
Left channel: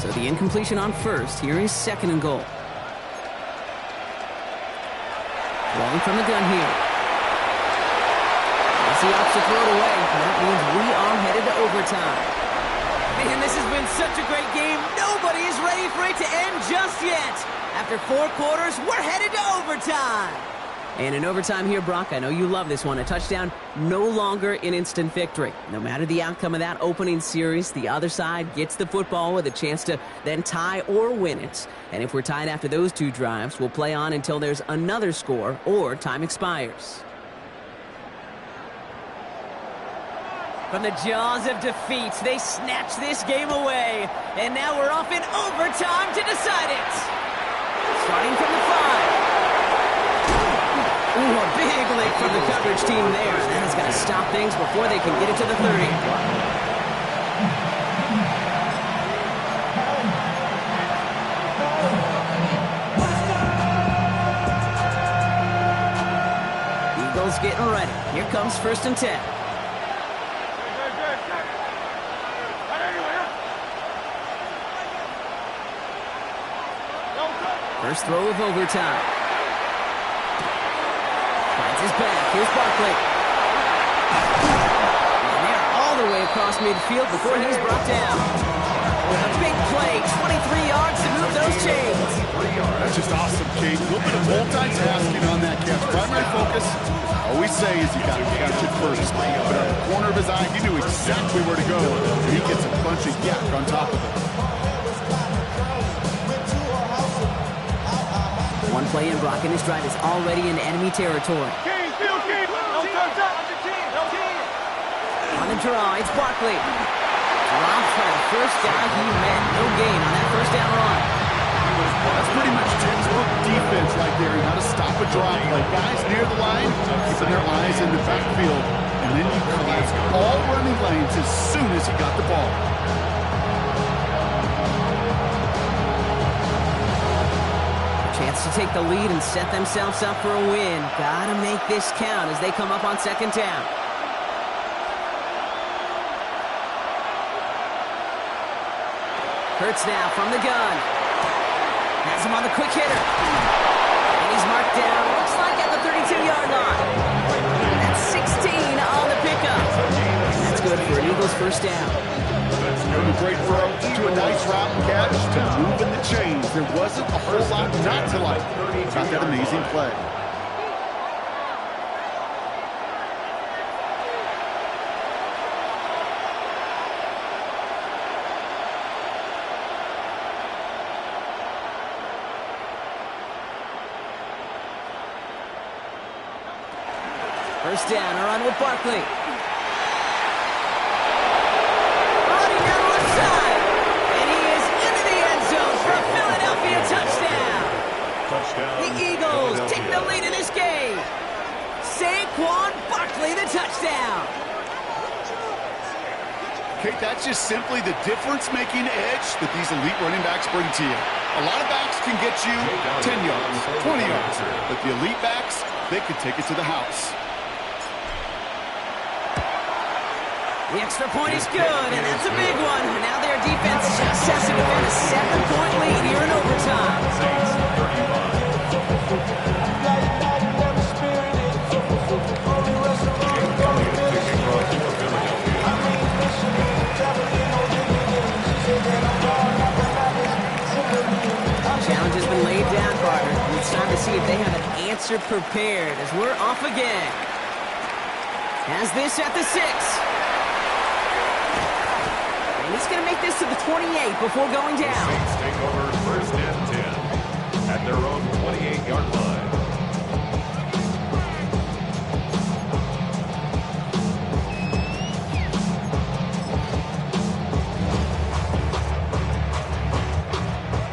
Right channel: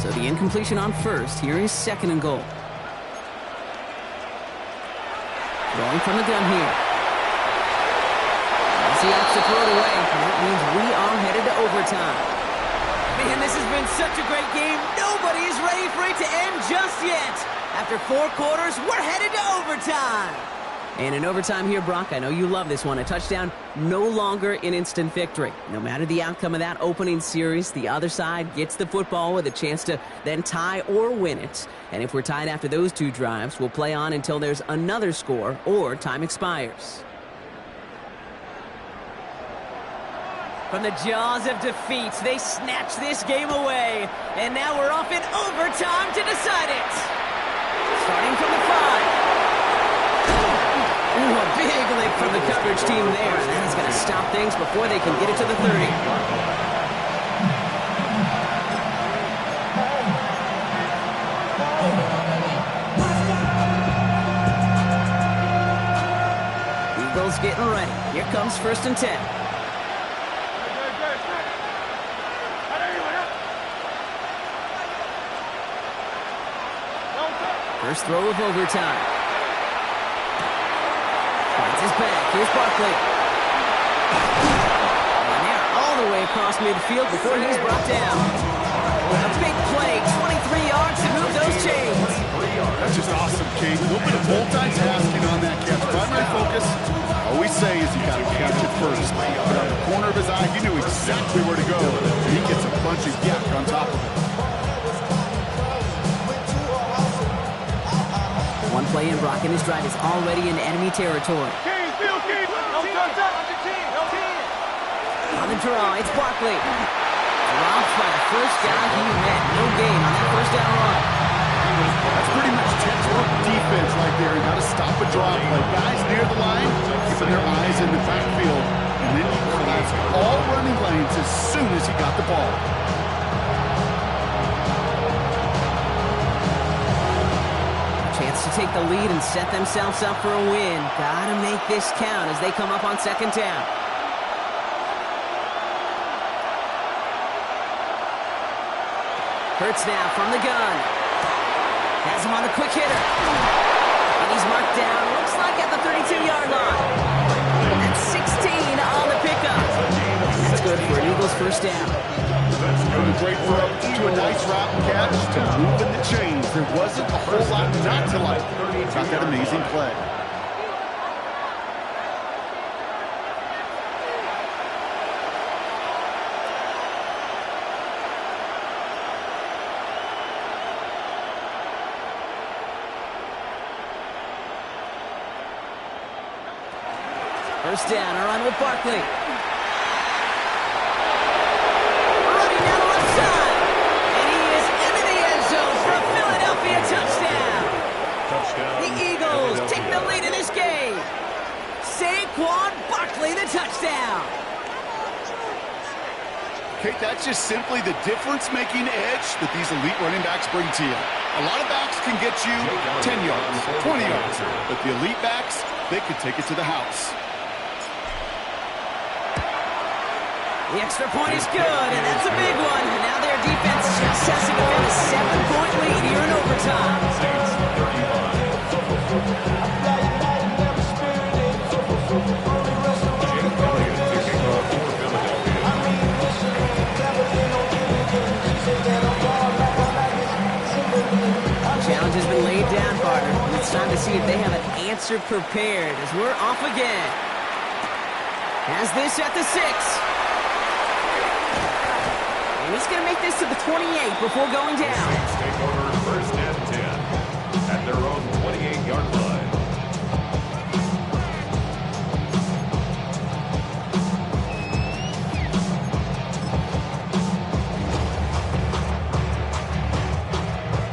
So the incompletion on first. Here is second and goal. Throwing from the gun here. As he opts to throw it away, that means we are headed to overtime. Man, this has been such a great game. Nobody is ready for it to end just yet. After 4 quarters, we're headed to overtime. And in overtime here, Brock, I know you love this one. A touchdown, no longer an instant victory. No matter the outcome of that opening series, the other side gets the football with a chance to then tie or win it. And if we're tied after those 2 drives, we'll play on until there's another score or time expires. From the jaws of defeat, they snatch this game away. And now we're off in overtime to decide it. Starting from the 5. Ooh, a big lick from the coverage team there. That is going to stop things before they can get it to the 30. Eagles getting ready. Here comes first and 10. First throw of overtime. Finds his back. Here's Barkley. And they're all the way across midfield before he's brought down. A big play, 23 yards to move those chains. That's just awesome, Kate. A little bit of multitasking on that catch. Primary focus, I always say, is you got to catch it first. But on the corner of his eye, he knew exactly where to go. And he gets a bunch of yak on top of it. One play in, Brock, and his drive is already in enemy territory. On the draw, it's Barkley. Dropped by the first guy he met. No gain on that first down run. That's pretty much textbook defense right there, and how to stop a drop play. Guys near the line, keeping their eyes in the backfield, and then he collapsed all running lanes as soon as he got the ball. Chance to take the lead and set themselves up for a win. Gotta make this count as they come up on second down. Hurts now from the gun. Has him on the quick hitter. And he's marked down, looks like at the 32-yard line. That's 16 on the pickup. And that's good for an Eagles first down. From a great throw to a nice route and catch to moving the chains. There wasn't a whole lot not to like about that amazing play. First down, a run with Barkley. Running down the left side. And he is into the end zone for a Philadelphia touchdown. The Eagles take the lead in this game. Saquon Barkley, the touchdown. Kate, that's just simply the difference-making edge that these elite running backs bring to you. A lot of backs can get you 10 yards, 20 yards, but the elite backs, they can take it to the house. The extra point is good, and that's a big one. And now their defense just has to defend a 7-point lead here in overtime. Saints 35. Jake Elliott to kick off for Philadelphia. Challenge has been laid down, partner. And it's time to see if they have an answer prepared as we're off again. Has this at the 6. And he's going to make this to the 28 before going down. The Saints take over 1st and 10 at their own 28-yard line.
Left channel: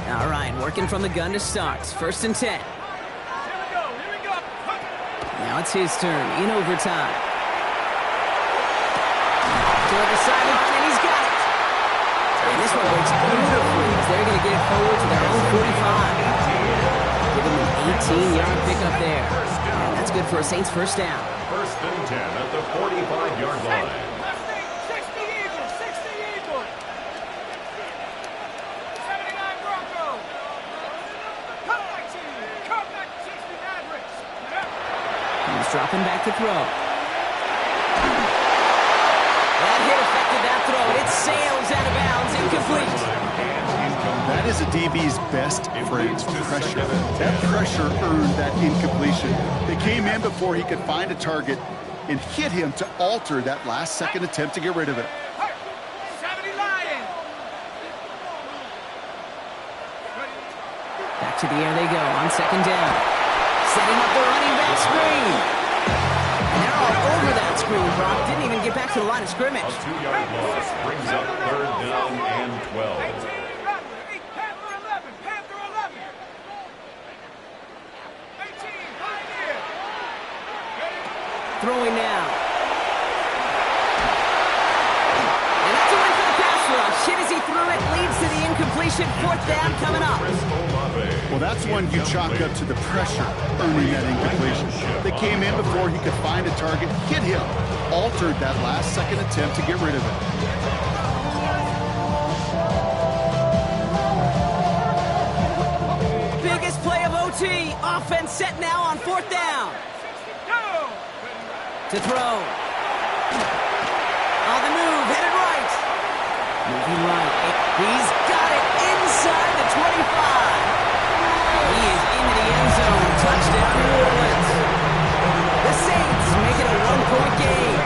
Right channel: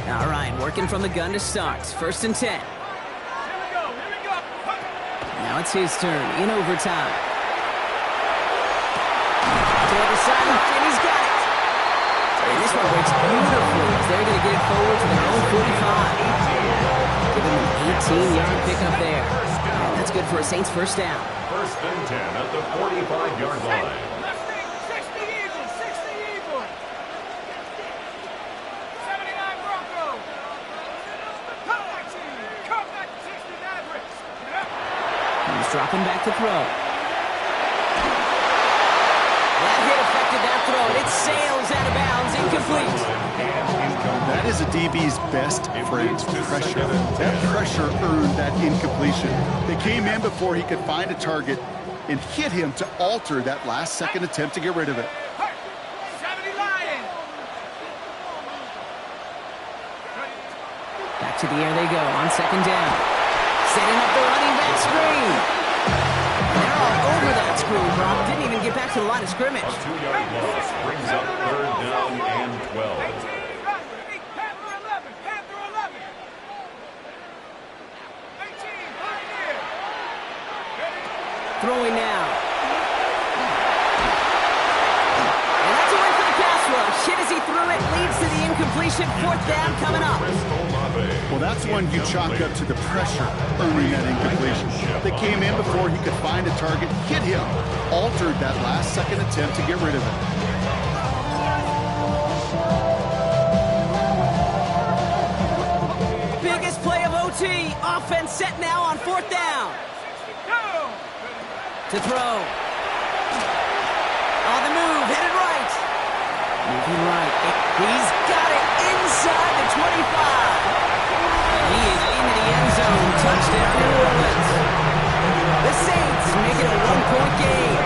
All right, working from the gun to start. 1st and 10. Here we go. Now it's his turn in overtime. Toward the sideline, and he's got it. And this one breaks beautifully as they're going to get it forward to their own 45. Giving them an 18-yard pickup there. And that's good for a Saints first down. 1st and 10 at the 45-yard line. 60 Eagles, 60 Eagles. 79 Broncos. Come back team, come back 60 Mavericks. He's dropping back to throw. That hit affected that throw, and it sails out of bounds, incomplete. That is a DB's best friend, pressure. That pressure earned that incompletion. They came in before he could find a target and hit him to alter that last-second attempt to get rid of it. 70 Lions. Back to the air they go on 2nd down. Setting up the running back screen. They're all over that screen, Brock. Didn't even get back to the line of scrimmage. A 2-yard loss brings up 3rd down and 12. 18 Panther 11, Panther 11. 18 Pioneer. Throwing now. And that's a win for the pass rush. Hit as he threw it, leads to the incompletion. 4th down coming up. Well, that's one you chalk up to the pressure earning that incompletion. They came in before he could find a target, hit him, altered that last-second attempt to get rid of it. Biggest play of OT. Offense set now on 4th down. To throw. On the move, headed right. Moving right. He's got it inside the 25. He is into the end zone. Touchdown, New Orleans. The Saints make it a 1-point game.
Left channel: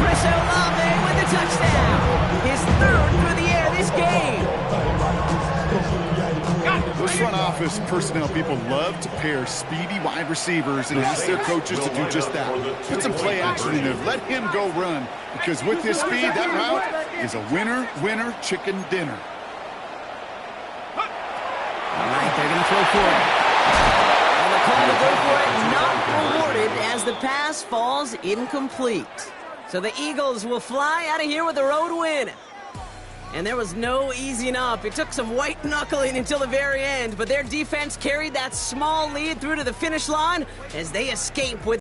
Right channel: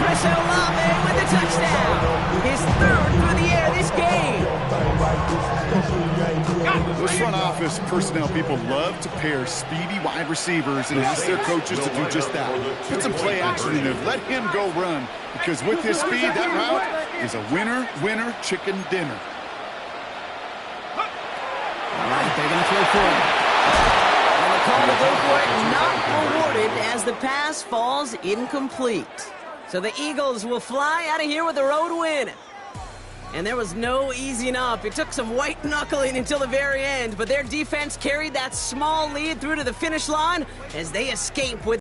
Chris Olave with the touchdown. His 3rd through the air this game. Those front office personnel people love to pair speedy wide receivers and ask their coaches to do just that. Put some play action in there. Let him go run. Because with his speed, that route is a winner, chicken dinner. All right, they're going to throw for it. And the call to go for it not rewarded as the pass falls incomplete. So the Eagles will fly out of here with a road win. And there was no easing up. It took some white knuckling until the very end, but their defense carried that small lead through to the finish line as they escape with